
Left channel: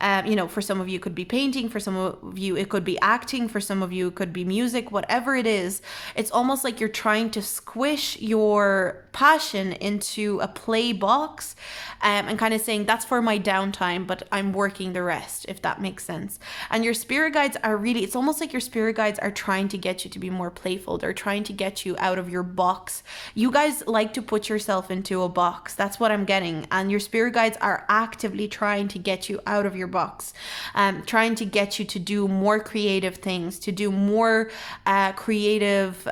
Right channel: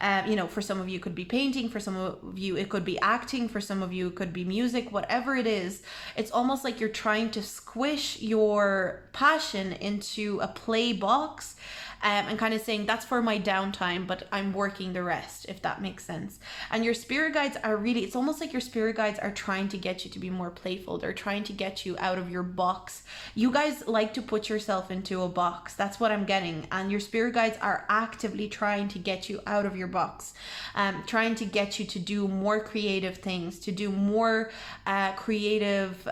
for some of you it could be painting, for some of you it could be acting, for some of you it could be music, whatever it is. It's almost like you're trying to squish your passion into a play box, and kind of saying that's for my downtime, but I'm working the rest, if that makes sense. And your spirit guides are really, it's almost like your spirit guides are trying to get you to be more playful. They're trying to get you out of your box. You guys like to put yourself into a box. That's what I'm getting. And your spirit guides are actively trying to get you out of your box, trying to get you to do more creative things, to do more creative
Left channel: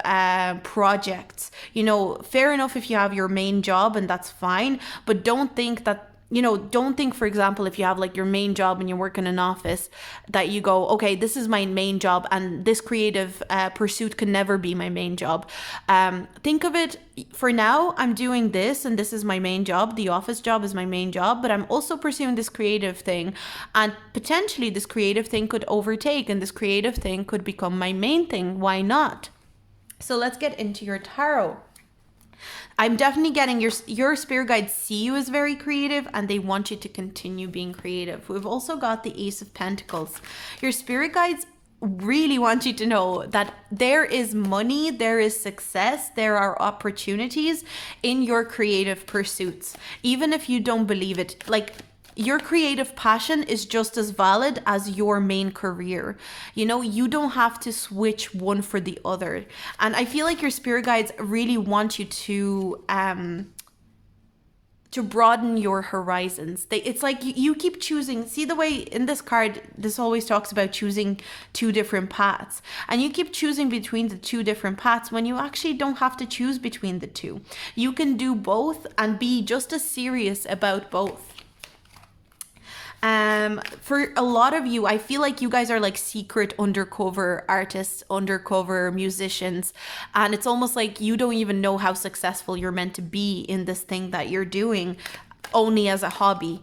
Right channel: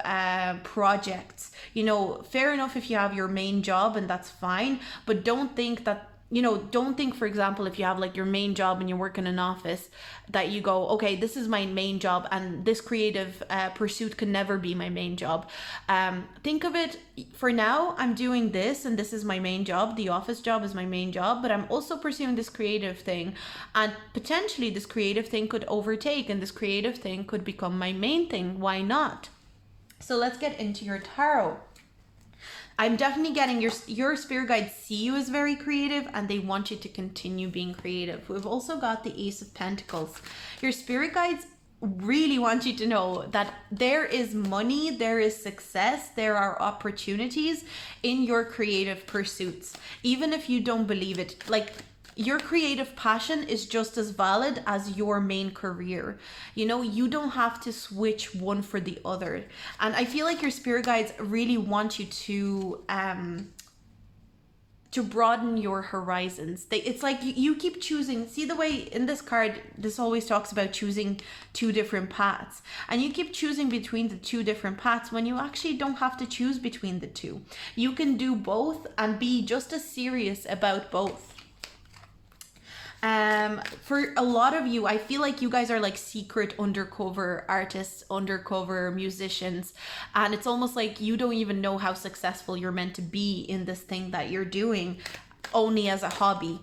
projects. Fair enough if you have your main job, and that's fine, but don't think that, don't think, for example, if you have like your main job and you work in an office, that you go, okay, this is my main job and this creative pursuit can never be my main job. Think of it, for now, I'm doing this and this is my main job. The office job is my main job, but I'm also pursuing this creative thing, and potentially this creative thing could overtake and this creative thing could become my main thing. Why not? So let's get into your tarot. I'm definitely getting your spirit guides see you as very creative and they want you to continue being creative. We've also got the Ace of Pentacles. Your spirit guides really want you to know that there is money, there is success, there are opportunities in your creative pursuits. Even if you don't believe it, like, your creative passion is just as valid as your main career. You don't have to switch one for the other. And I feel like your spirit guides really want you to broaden your horizons. It's like you keep choosing. See the way in this card, this always talks about choosing two different paths. And you keep choosing between the two different paths when you actually don't have to choose between the two. You can do both and be just as serious about both. For a lot of you, I feel like you guys are like secret undercover artists, undercover musicians, and it's almost like you don't even know how successful you're meant to be in this thing that you're doing only as a hobby.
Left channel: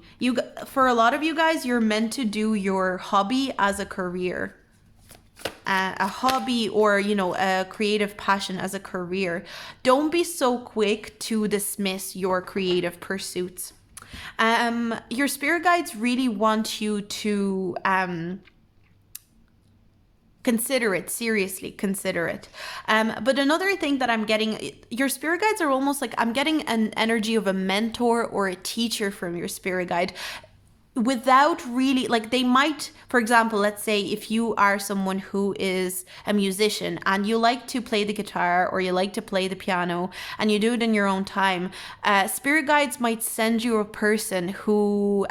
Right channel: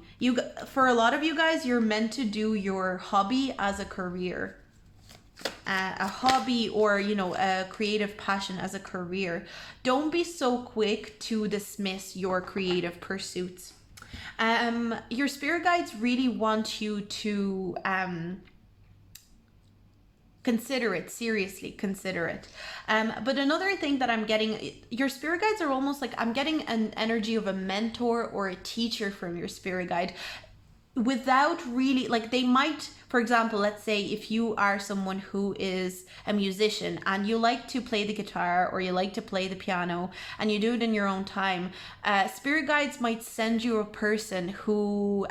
For a lot of you guys, you're meant to do your hobby as a career. A hobby or a creative passion as a career. Don't be so quick to dismiss your creative pursuits. Your spirit guides really want you to consider it, seriously consider it. But another thing that I'm getting, your spirit guides are almost like, I'm getting an energy of a mentor or a teacher from your spirit guide, without really, like, they might, for example, let's say if you are someone who is a musician and you like to play the guitar or you like to play the piano and you do it in your own time, spirit guides might send you a person who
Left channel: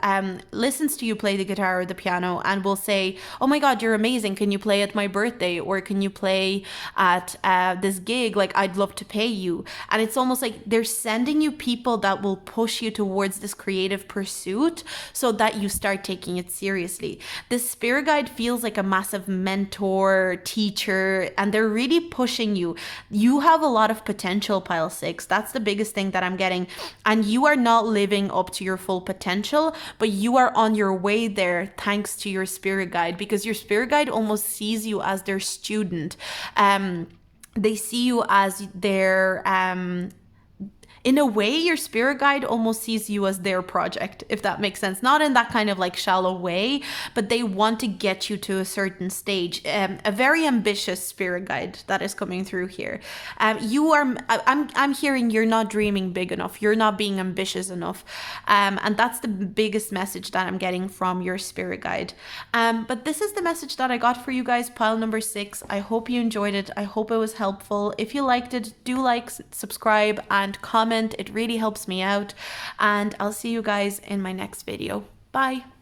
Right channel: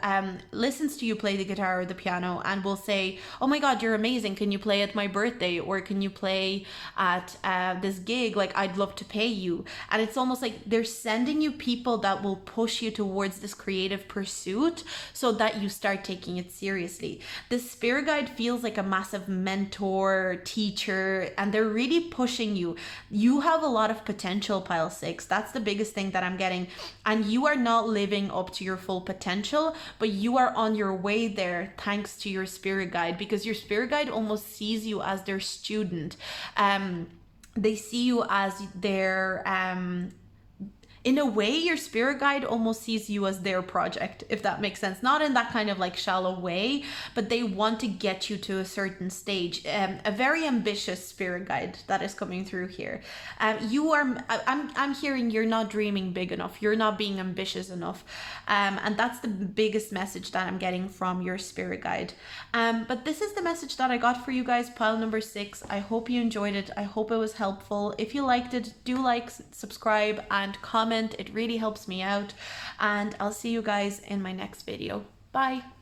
listens to you play the guitar or the piano and will say, oh my God, you're amazing. Can you play at my birthday? Or can you play at this gig? Like, I'd love to pay you. And it's almost like they're sending you people that will push you towards this creative pursuit so that you start taking it seriously. This spirit guide feels like a massive mentor, teacher, and they're really pushing you. You have a lot of potential, pile 6. That's the biggest thing that I'm getting. And you are not living up to your full potential, but you are on your way there thanks to your spirit guide, because your spirit guide almost sees you as their student. They see you as their in a way, your spirit guide almost sees you as their project, if that makes sense. Not in that kind of like shallow way, but they want to get you to a certain stage. A very ambitious spirit guide that is coming through here. I'm hearing you're not dreaming big enough. You're not being ambitious enough. And that's the biggest message that I'm getting from your spirit guide. But this is the message that I got for you guys, pile number 6. I hope you enjoyed it. I hope it was helpful. If you liked it, do like, subscribe, and comment. It really helps me out, and I'll see you guys in my next video. Bye.